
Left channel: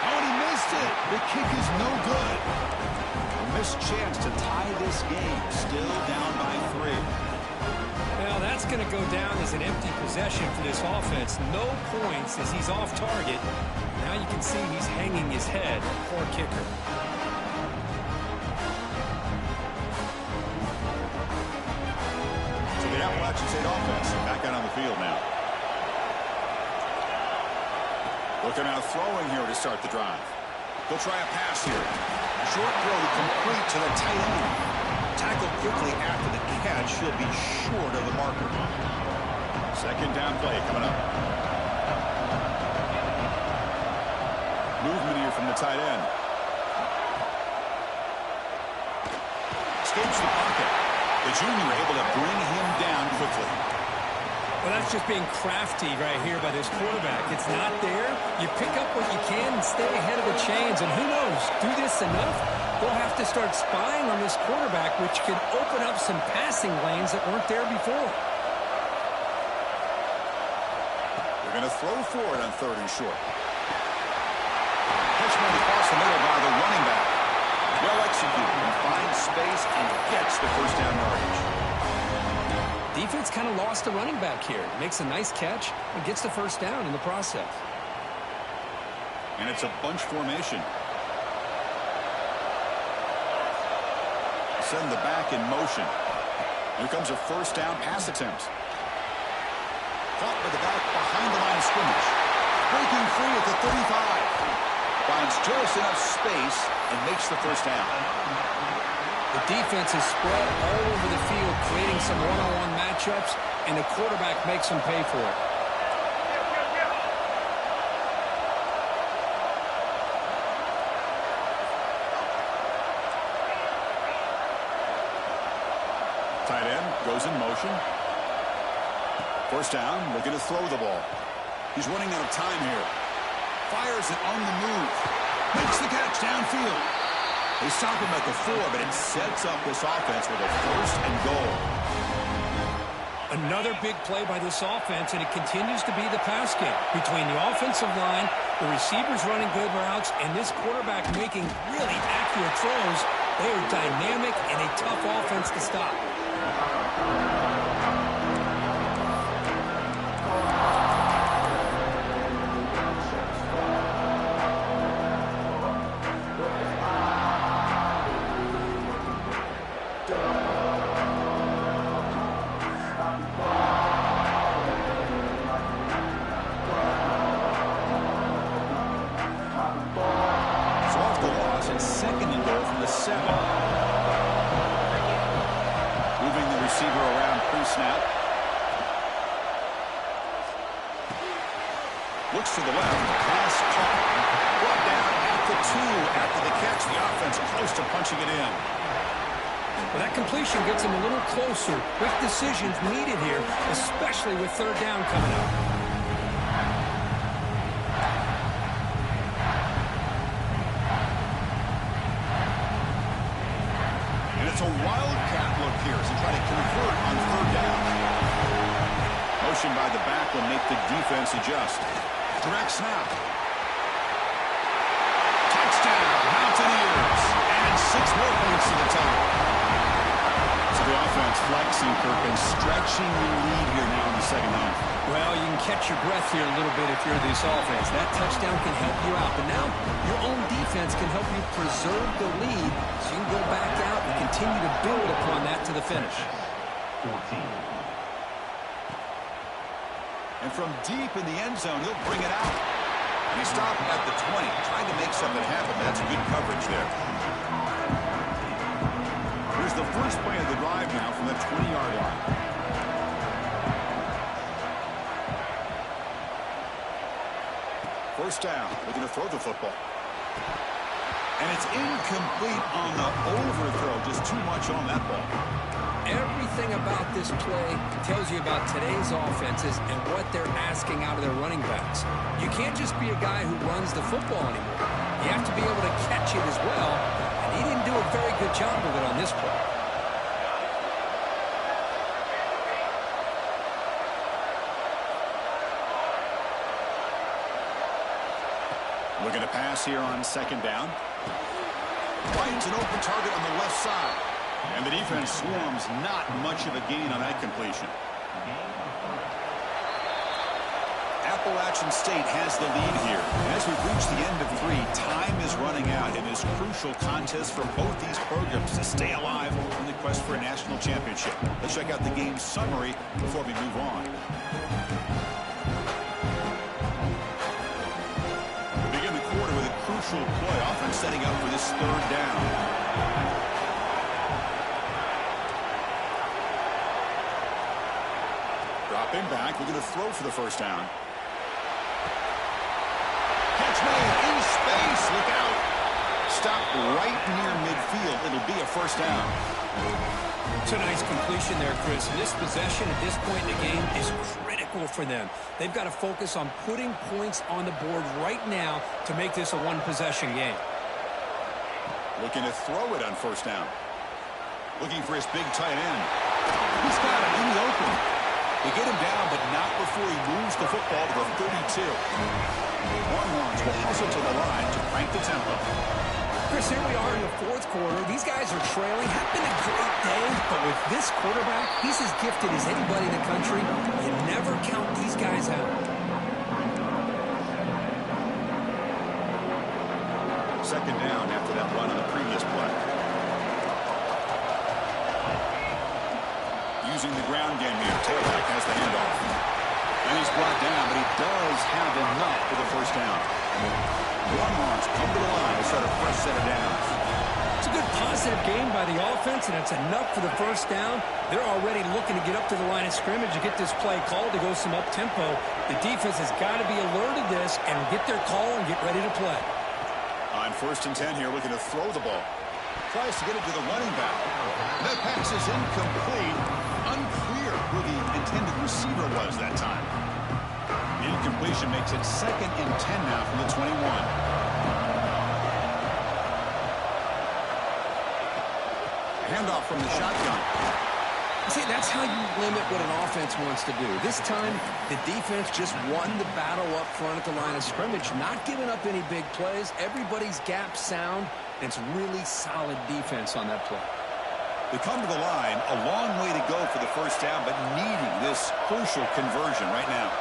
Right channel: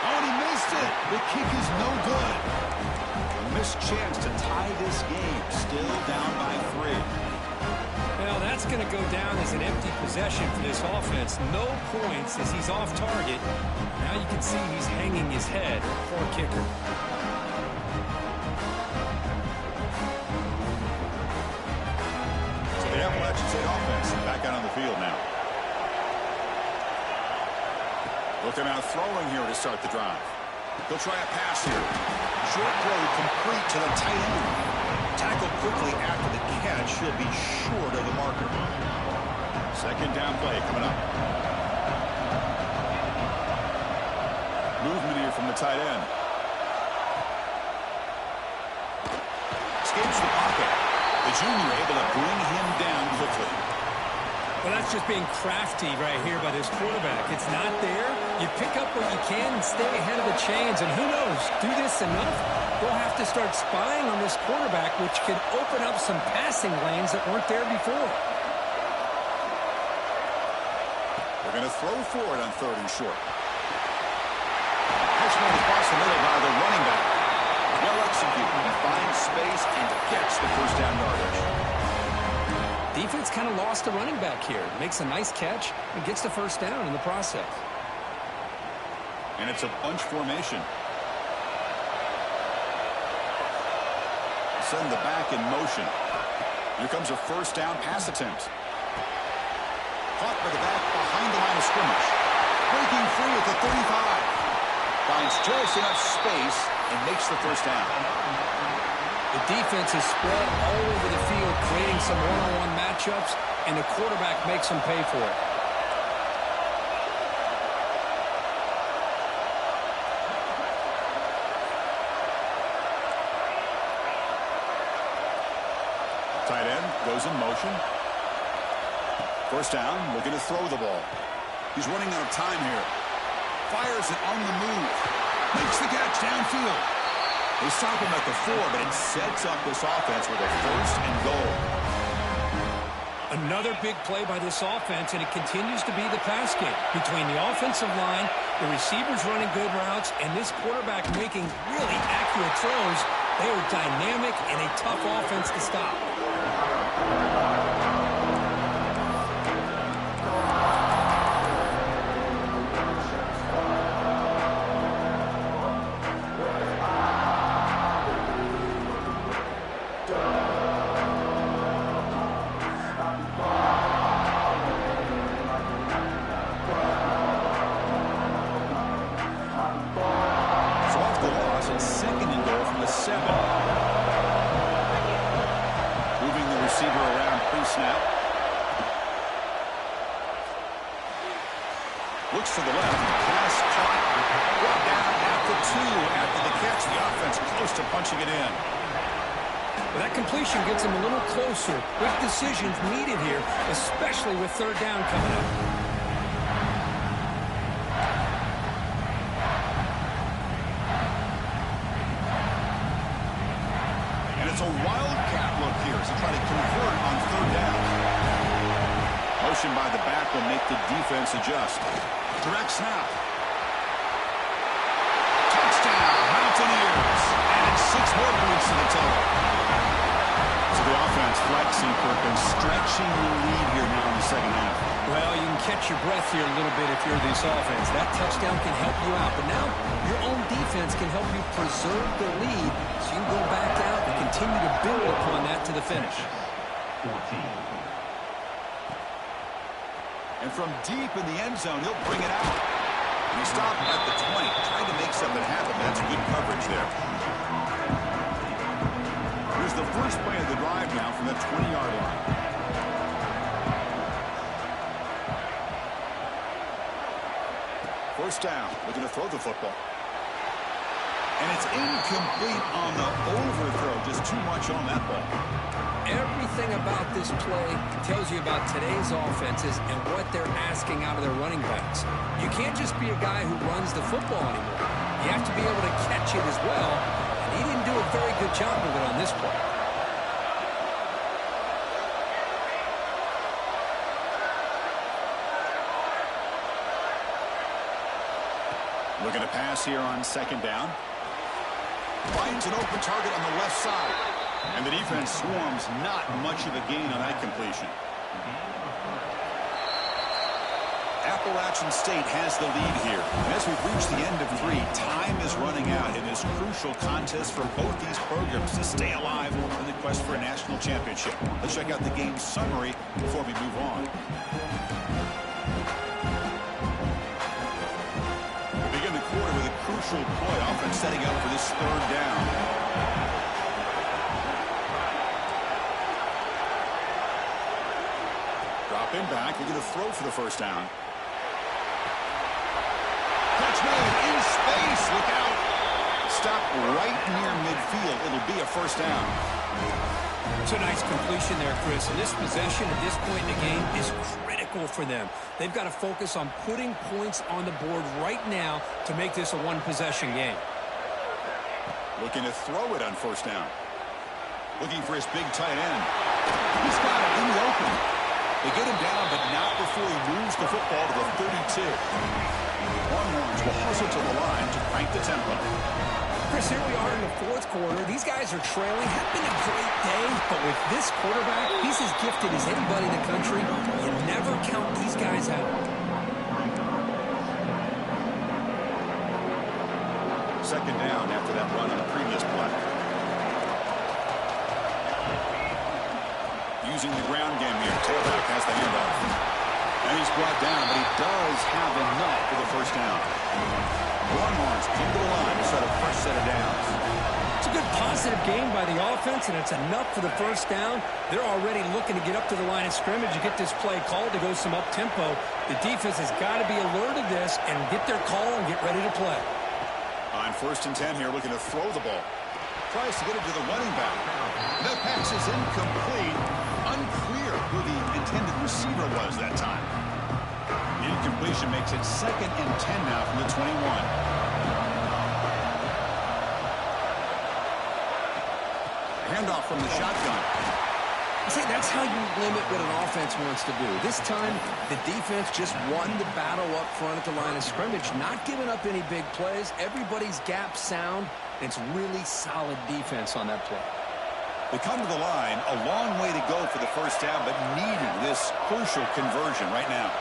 Oh, and he missed it. The kick is no good. A missed chance to tie this game. Still down by 3. Well, that's going to go down as an empty possession for this offense. No points as he's off target. Now you can see he's hanging his head. Poor kicker. So the Appalachian State offense back out on the field now. Looking out throwing here to start the drive. He'll try a pass here. Short throw complete to the tight end. Tackled quickly after the catch. He'll be short of the marker. Second down play coming up. Movement here from the tight end. Escapes the pocket. The junior able to bring him down quickly. Well, that's just being crafty right here by this quarterback. It's not there. You pick up what you can and stay ahead of the chains. And who knows, do this enough, they'll have to start spying on this quarterback, which could open up some passing lanes that weren't there before. They're going to throw for it on 3rd and short. Catch made across the middle by the running back. Well executed. He finds space and gets the first down yardage. Defense kind of lost the running back here. Makes a nice catch and gets the first down in the process. And it's a bunch formation. Send the back in motion. Here comes a first down pass attempt. Caught by the back behind the line of scrimmage. Breaking free at the 35. Finds just enough space and makes the first down. The defense is spread all over the field, creating some one-on-one matchups, and the quarterback makes them pay for it. Tight end goes in motion. First down, looking to throw the ball. He's running out of time here. Fires it on the move. Makes the catch downfield. They stop him at the 4, but it sets up this offense with a 1st and goal. Another big play by this offense, and it continues to be the pass game. Between the offensive line, the receivers running good routes, and this quarterback making really accurate throws, they are dynamic and a tough offense to stop. Snap. Looks to the left. Pass caught. Brought down at the 2 after the catch. The offense close to punching it in. Well, that completion gets him a little closer. Quick decisions needed here, especially with 3rd down coming up. It's a wildcat look here as they try to convert on 3rd down. Motion by the back will make the defense adjust. Direct snap. Touchdown, Mountaineers. Add 6 more points to the total. So the offense flexing, Kirk, and stretching the lead here now in the 2nd half. Well, you can catch your breath here a little bit if you're this offense. That touchdown can help you out. But now your own defense can help you preserve the lead so you can go back out and continue to build upon that to the finish. 14. And from deep in the end zone, he'll bring it out. And he stopped at the 20. Tried to make something happen, but that's good coverage there. Here's the first play of the drive now from the 20-yard line. First down, looking to throw the football. And it's incomplete on the overthrow. Just too much on that ball. Everything about this play tells you about today's offenses and what they're asking out of their running backs. You can't just be a guy who runs the football anymore. You have to be able to catch it as well, and he didn't do a very good job of it on this play. Looking to pass here on 2nd down. Finds an open target on the left side. And the defense swarms, not much of a gain on that completion. Appalachian State has the lead here. And as we've reached the end of 3, time is running out in this crucial contest for both these programs to stay alive in the quest for a national championship. Let's check out the game summary before we move on. We begin the quarter with a crucial play, offense setting up for this 3rd down. Dropping back, looking to throw for the 1st down. Catch made in space. Look out. Stop right near midfield. It'll be a 1st down. It's a nice completion there, Chris. And this possession at this point in the game is critical for them. They've got to focus on putting points on the board right now to make this a one-possession game. Looking to throw it on 1st down. Looking for his big tight end. He's got it in the open. They get him down, but not before he moves the football to the 32. Longhorns will hustle to the line to crank the tempo. Chris, here we are in the 4th quarter. These guys are trailing. Had been a great day, but with this quarterback, he's as gifted as anybody in the country. You never count these guys out. 2nd down after that run on the previous play. Using the ground game here. Tailback has the handoff. And he's brought down, but he does have enough for the 1st down. Longhorns come to the line to set a fresh set of downs. It's a good positive game by the offense, and it's enough for the 1st down. They're already looking to get up to the line of scrimmage and get this play called to go some up-tempo. The defense has got to be alert of this and get their call and get ready to play. On 1st and 10 here, looking to throw the ball. Tries to get it to the running back. That pass is incomplete. Unclear who the intended receiver was that time. The incompletion makes it 2nd and 10 now from the 21. Handoff from the shotgun. See, that's how you limit what an offense wants to do. This time, the defense just won the battle up front at the line of scrimmage, not giving up any big plays. Everybody's gap sound. It's really solid defense on that play. They come to the line, a long way to go for the 1st down, but needing this crucial conversion right now.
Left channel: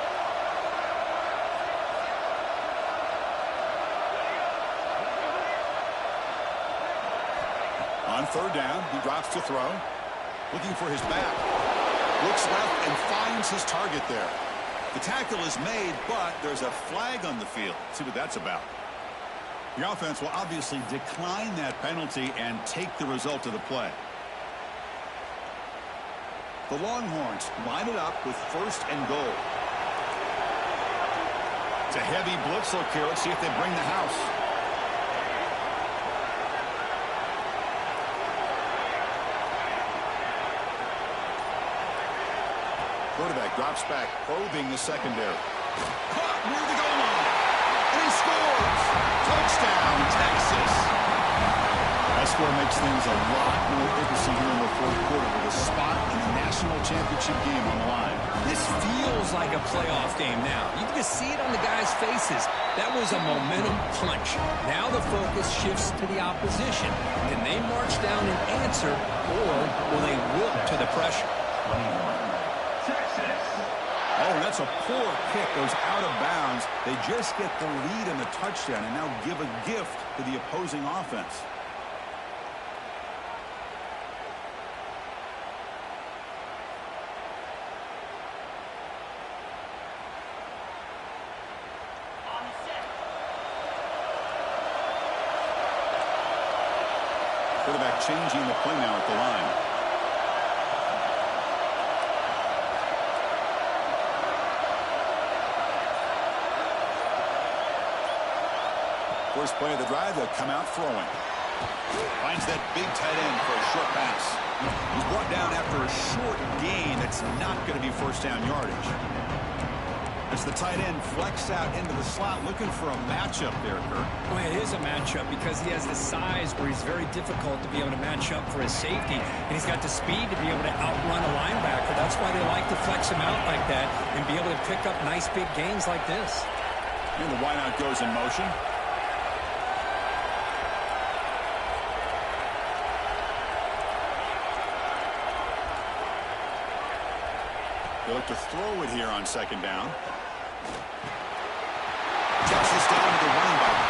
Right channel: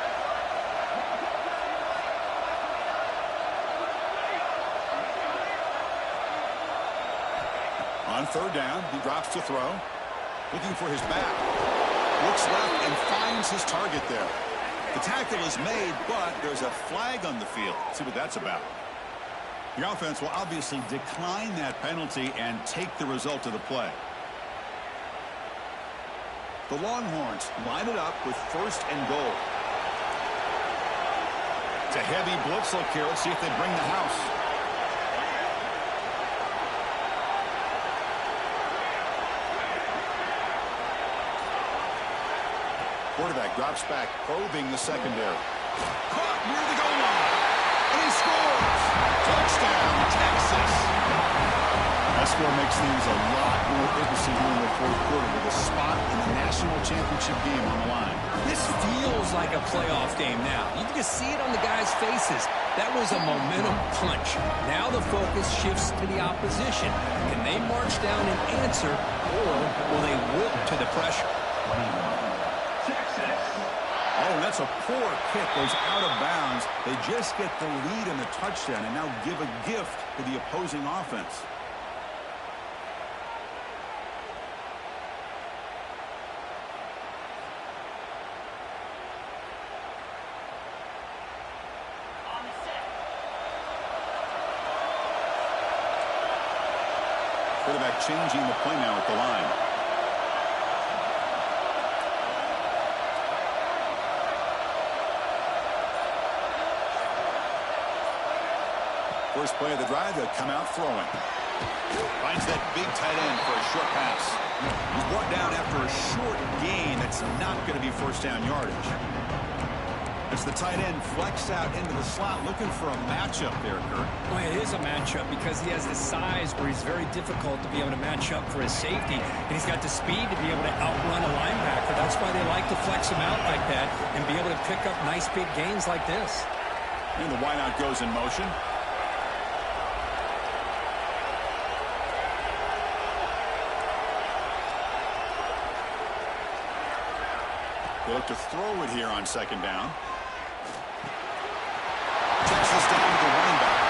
On 3rd down, he drops to throw. Looking for his back. Looks left and finds his target there. The tackle is made, but there's a flag on the field. See what that's about. The offense will obviously decline that penalty and take the result of the play. The Longhorns line it up with 1st and goal. It's a heavy blitz look here. Let's see if they bring the house. Quarterback drops back, probing the secondary. Caught near the goal line. And he scores. Touchdown, Texas. That score makes things a lot more interesting here in the 4th quarter with a spot in the national championship game on the line. This feels like a playoff game now. You can just see it on the guys' faces. That was a momentum punch. Now the focus shifts to the opposition. Can they march down and answer, or will they wilt to the pressure? 21. Texas. Oh, and that's a poor kick. Goes out of bounds. They just get the lead in the touchdown and now give a gift to the opposing offense. Quarterback changing the play now at the line. First play of the drive, they'll come out throwing. Finds that big tight end for a short pass. He's brought down after a short gain. That's not going to be 1st down yardage. As the tight end flexed out into the slot, looking for a matchup there, Kurt. Well, it is a matchup because he has the size where he's very difficult to be able to match up for his safety. And he's got the speed to be able to outrun a linebacker. That's why they like to flex him out like that and be able to pick up nice big gains like this. And the wideout goes in motion. They look to throw it here on 2nd down. Texas down to the running back.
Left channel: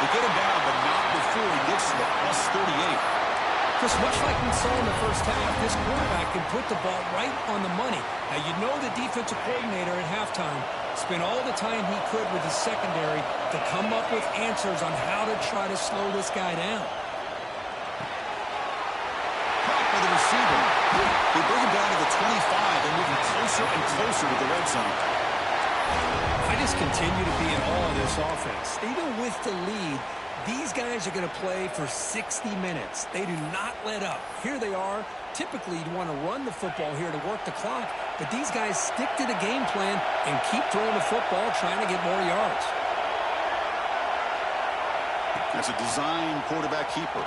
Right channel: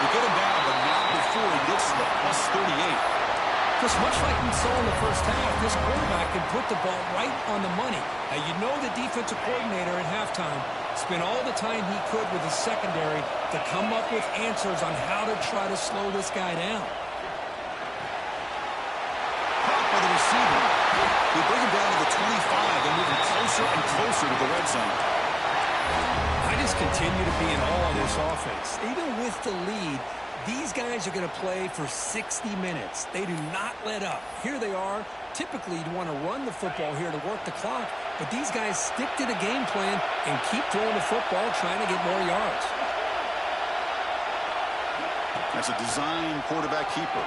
They get him down, but not before he gets to the plus 38. Just much like we saw in the first half, this quarterback can put the ball right on the money. Now, you know the defensive coordinator at halftime spent all the time he could with his secondary to come up with answers on how to try to slow this guy down. Caught by the receiver. They bring him down to the 25 and moving closer and closer to the red zone. I just continue to be in awe of this offense. Even with the lead, these guys are going to play for 60 minutes. They do not let up. Here they are. Typically, you'd want to run the football here to work the clock, but these guys stick to the game plan and keep throwing the football, trying to get more yards. That's a design quarterback keeper.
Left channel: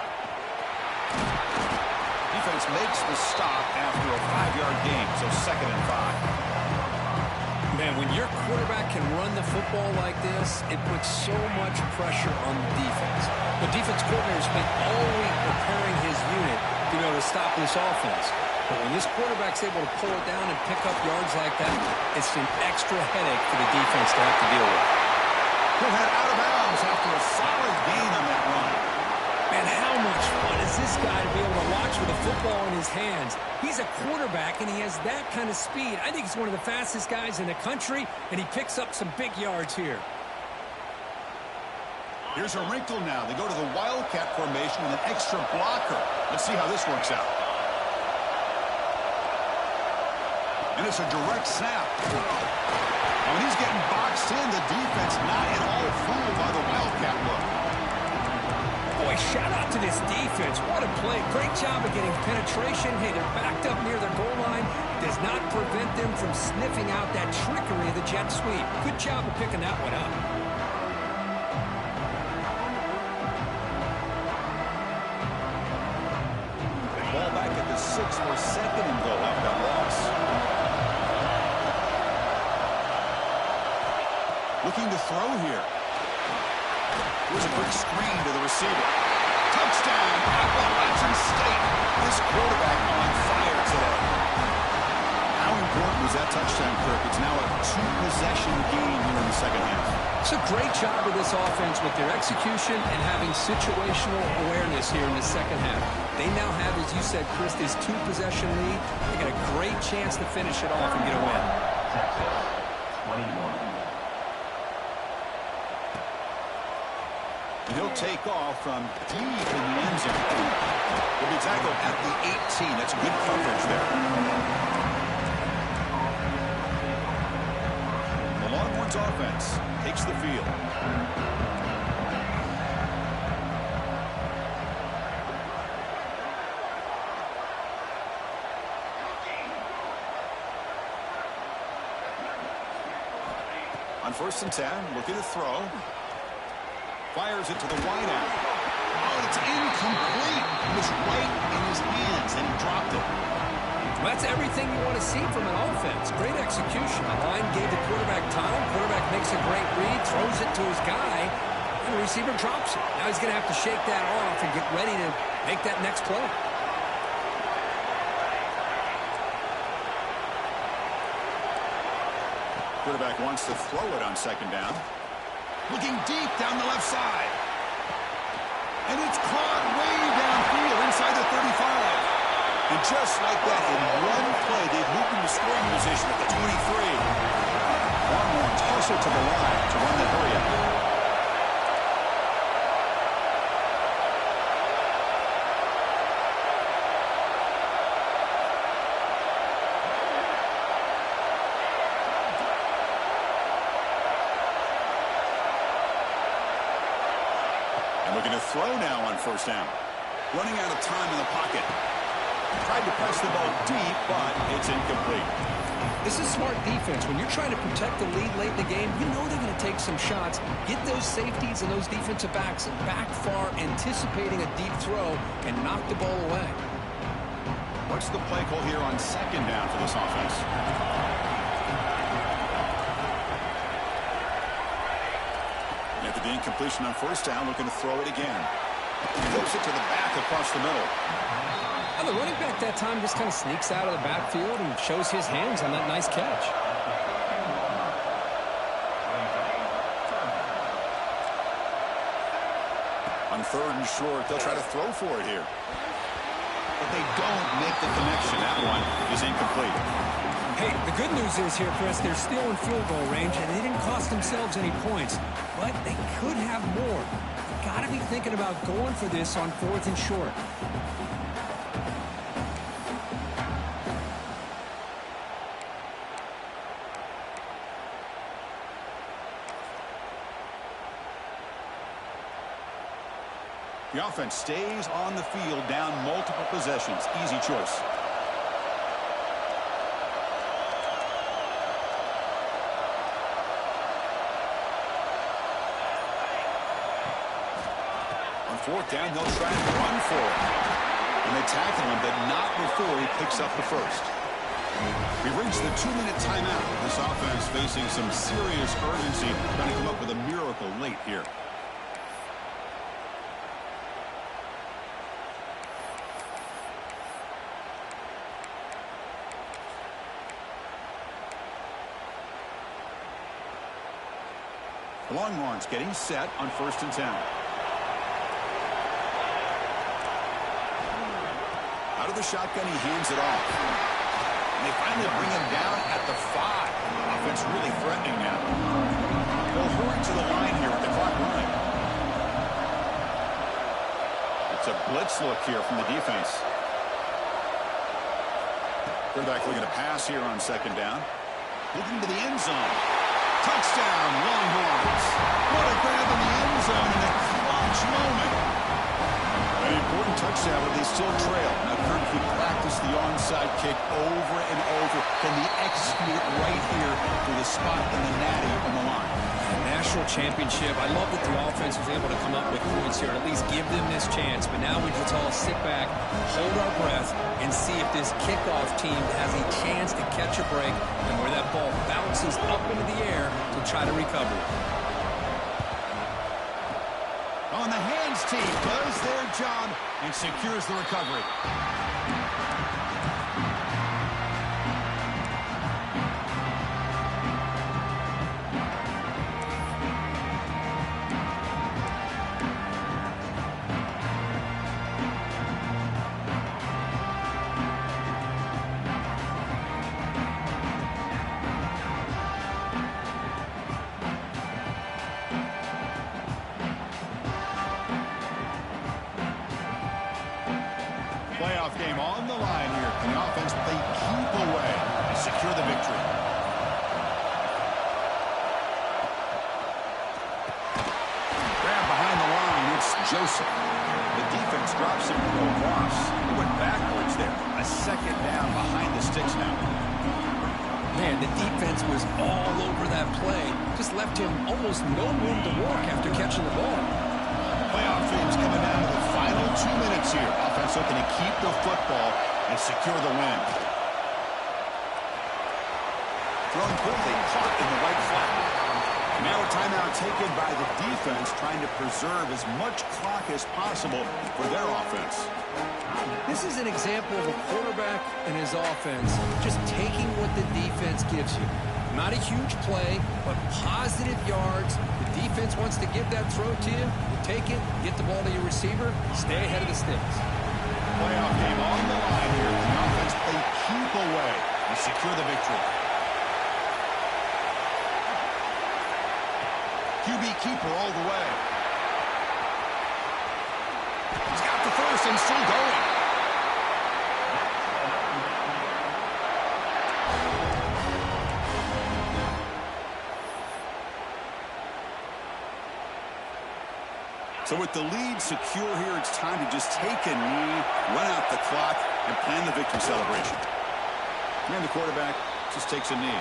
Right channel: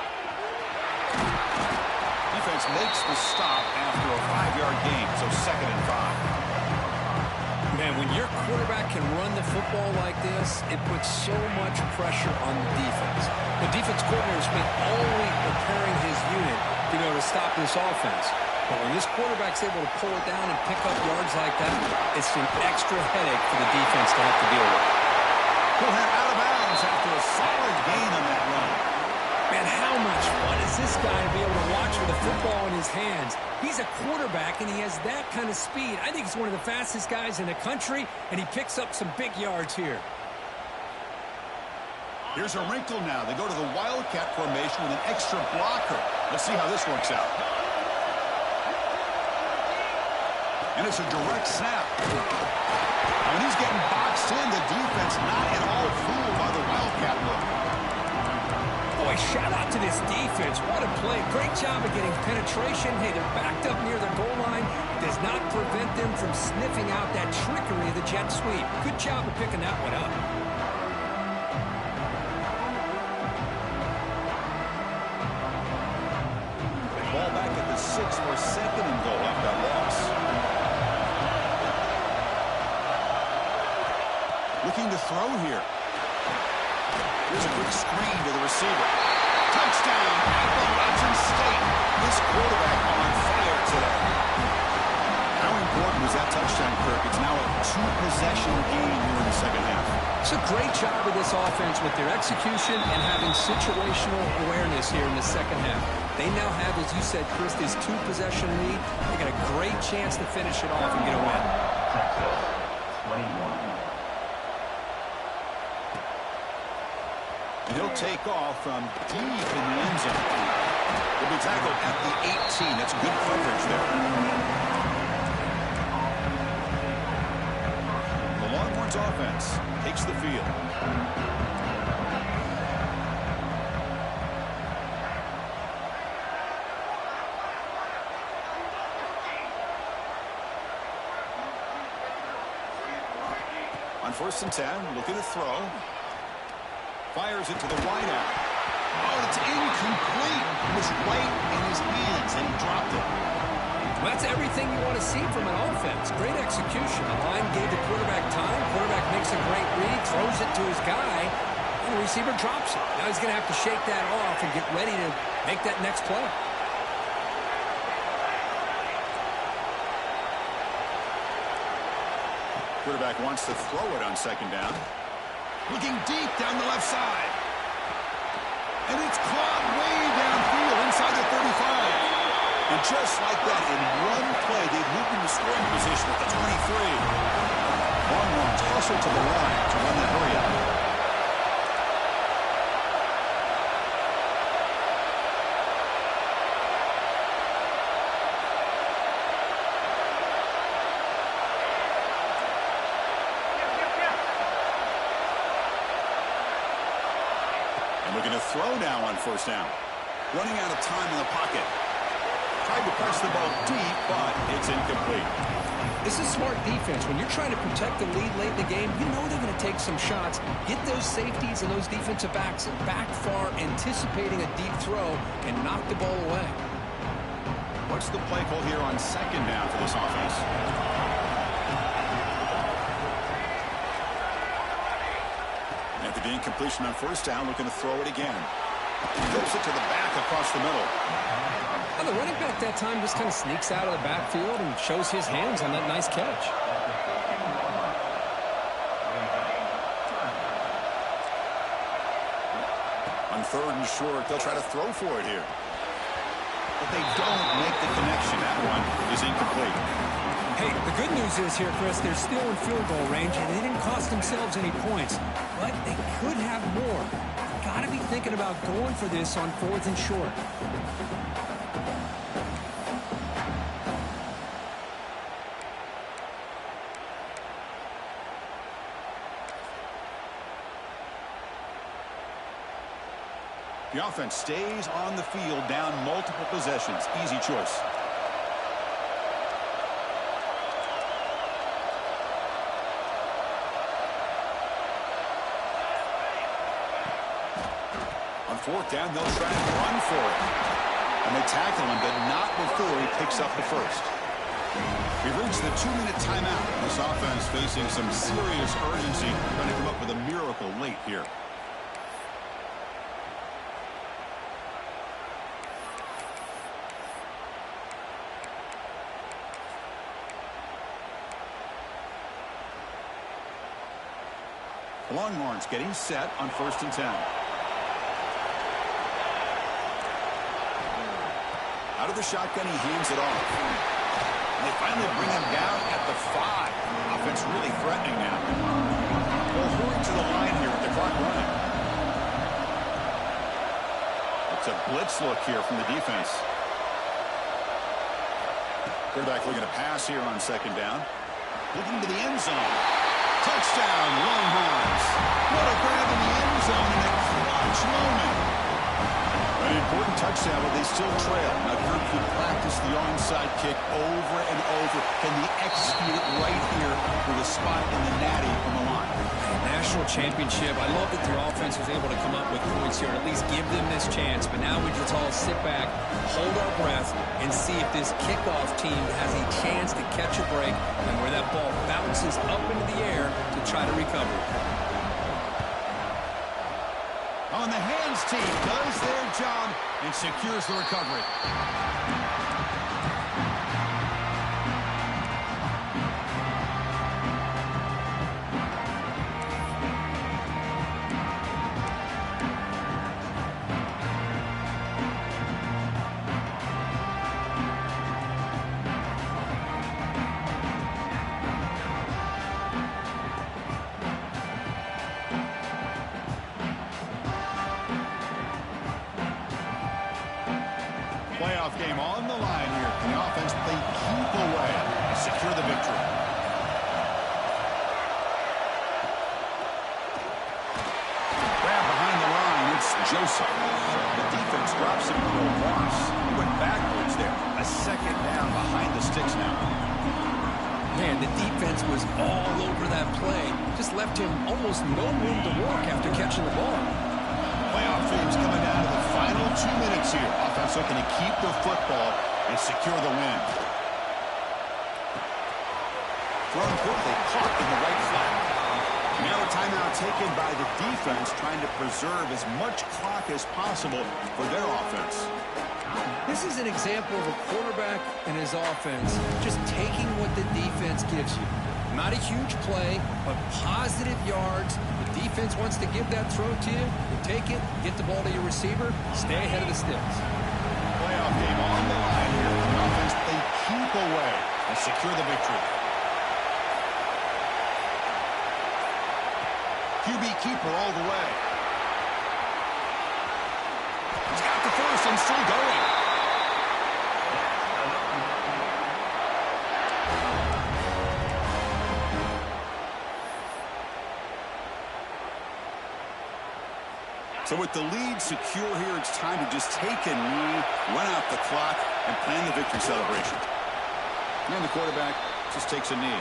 Defense makes the stop after a 5-yard gain, so 2nd and 5. Man, when your quarterback can run the football like this, it puts so much pressure on the defense. The defense coordinator spent all week preparing his unit to be able to stop this offense. But when this quarterback's able to pull it down and pick up yards like that, it's an extra headache for the defense to have to deal with. He'll head out of bounds after a solid gain on that run. Man, how much fun is this guy to be able to watch with a football in his hands? He's a quarterback, and he has that kind of speed. I think he's one of the fastest guys in the country, and he picks up some big yards here. Here's a wrinkle now. They go to the Wildcat formation with an extra blocker. Let's see how this works out. And it's a direct snap. Now, when he's getting boxed in, the defense not at all fooled by the Wildcat look. Boy, shout out to this defense. What a play. Great job of getting penetration. Hey, they're backed up near their goal line. Does not prevent them from sniffing out that trickery of the jet sweep. Good job of picking that one up. Ball back at the 6 for 2nd and goal after that loss. Looking to throw here. Here's a quick screen to the receiver. Touchdown, Appalachian State. This quarterback on fire today. How important was that touchdown, Kirk? It's now a 2-possession game here in the second half. It's a great job of this offense with their execution and having situational awareness here in the second half. They now have, as you said, Chris, this 2-possession lead. They got a great chance to finish it off and get a win. Texas, 21. And he'll take off from deep in the end zone. He'll be tackled at the 18. That's good coverage there. The Longhorns offense takes the field. On 1st and 10, looking to throw. Fires it to the wideout. Oh, and it's incomplete. It was right in his hands, and he dropped it. Well, that's everything you want to see from an offense. Great execution. The line gave the quarterback time. Quarterback makes a great read, throws it to his guy, and the receiver drops it. Now he's going to have to shake that off and get ready to make that next play. Quarterback wants to throw it on 2nd down. Looking deep down the left side. And it's caught way downfield inside the 35. And just like that, in one play, they've moved into scoring position at the 23. Longhorns hustle to the line to run that hurry up. Looking to throw now on 1st down. Running out of time in the pocket. Tried to press the ball deep, but it's incomplete. This is smart defense. When you're trying to protect the lead late in the game, you know they're going to take some shots. Get those safeties and those defensive backs back far, anticipating a deep throw, and knock the ball away. What's the play call here on 2nd down for this offense? After the incompletion on 1st down, looking to throw it again. Flips it to the back across the middle. And the running back that time just kind of sneaks out of the backfield and shows his hands on that nice catch. On 3rd and short, they'll try to throw for it here. But they don't make the connection. That one is incomplete. Hey, the good news is here, Chris, they're still in field goal range, and they didn't cost themselves any points. But they could have more. Got to be thinking about going for this on 4th and short. The offense stays on the field, down multiple possessions. Easy choice. On 4th down, they'll try and run for it. And they tackle him, but not before he picks up the first. We've reached the 2-minute timeout. This offense facing some serious urgency, trying to come up with a miracle late here. The Longhorns getting set on 1st and 10. Out of the shotgun, he hands it off. And they finally bring him down at the 5. Offense really threatening now. They'll hurry to the line here with the clock running. It's a blitz look here from the defense. Quarterback looking to pass here on 2nd down. Looking to the end zone. Touchdown, Longhorns. What a grab in the end zone in a clutch moment. An important touchdown, but they still trail. Now, Kirk could practice the onside kick over and over. Can they execute it right here with a spot in the natty on the line? National championship. I love that the offense was able to come up with points here and at least give them this chance. But now we just all sit back, hold our breath, and see if this kickoff team has a chance to catch a break and where that ball bounces up into the air to try to recover. On the hands team does their job and secures the recovery. Playoff game on the line here. Can the offense play keep away and secure the victory? Grab behind the line. It's Joseph. The defense drops him to a loss. He went backwards there. A 2nd down behind the sticks now. Man, the defense was all over that play. Just left him almost no room to work after catching the ball. Playoff games coming down to the final 2 minutes here. Offense looking to keep the football and secure the win. Thrown quickly, caught in the right flat. And now a timeout taken by the defense, trying to preserve as much clock as possible for their offense. This is an example of a quarterback and his offense just taking what the defense gives you. Not a huge play, but positive yards. The defense wants to give that throw to you. You take it, get the ball to your receiver, stay ahead of the sticks. Playoff game on the line here. The offense play keep away and secure the victory. QB keeper all the way. He's got the first and still going. So with the lead secure here, it's time to just take a knee, run out the clock, and plan the victory celebration. And the quarterback just takes a knee.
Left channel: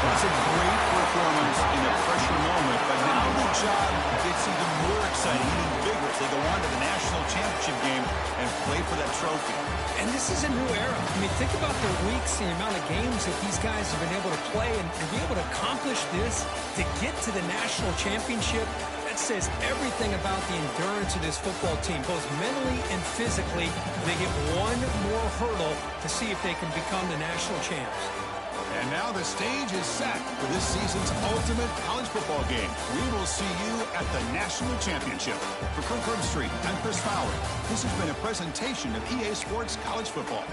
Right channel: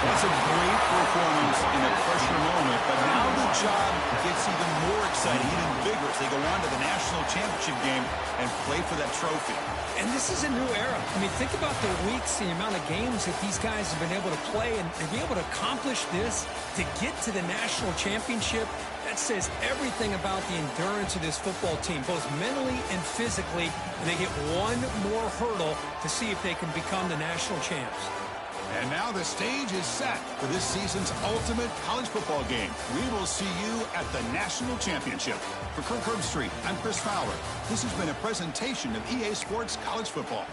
That's a great performance in a pressure moment, but now the job gets even more exciting, even bigger as they go on to the national championship game and play for that trophy. And this is a new era. I mean, think about the weeks, the amount of games that these guys have been able to play and be able to accomplish this, to get to the national championship. That says everything about the endurance of this football team, both mentally and physically. They get one more hurdle to see if they can become the national champs. And now the stage is set for this season's ultimate college football game. We will see you at the National Championship. For Kirk Herbstreit, I'm Chris Fowler. This has been a presentation of EA Sports College Football.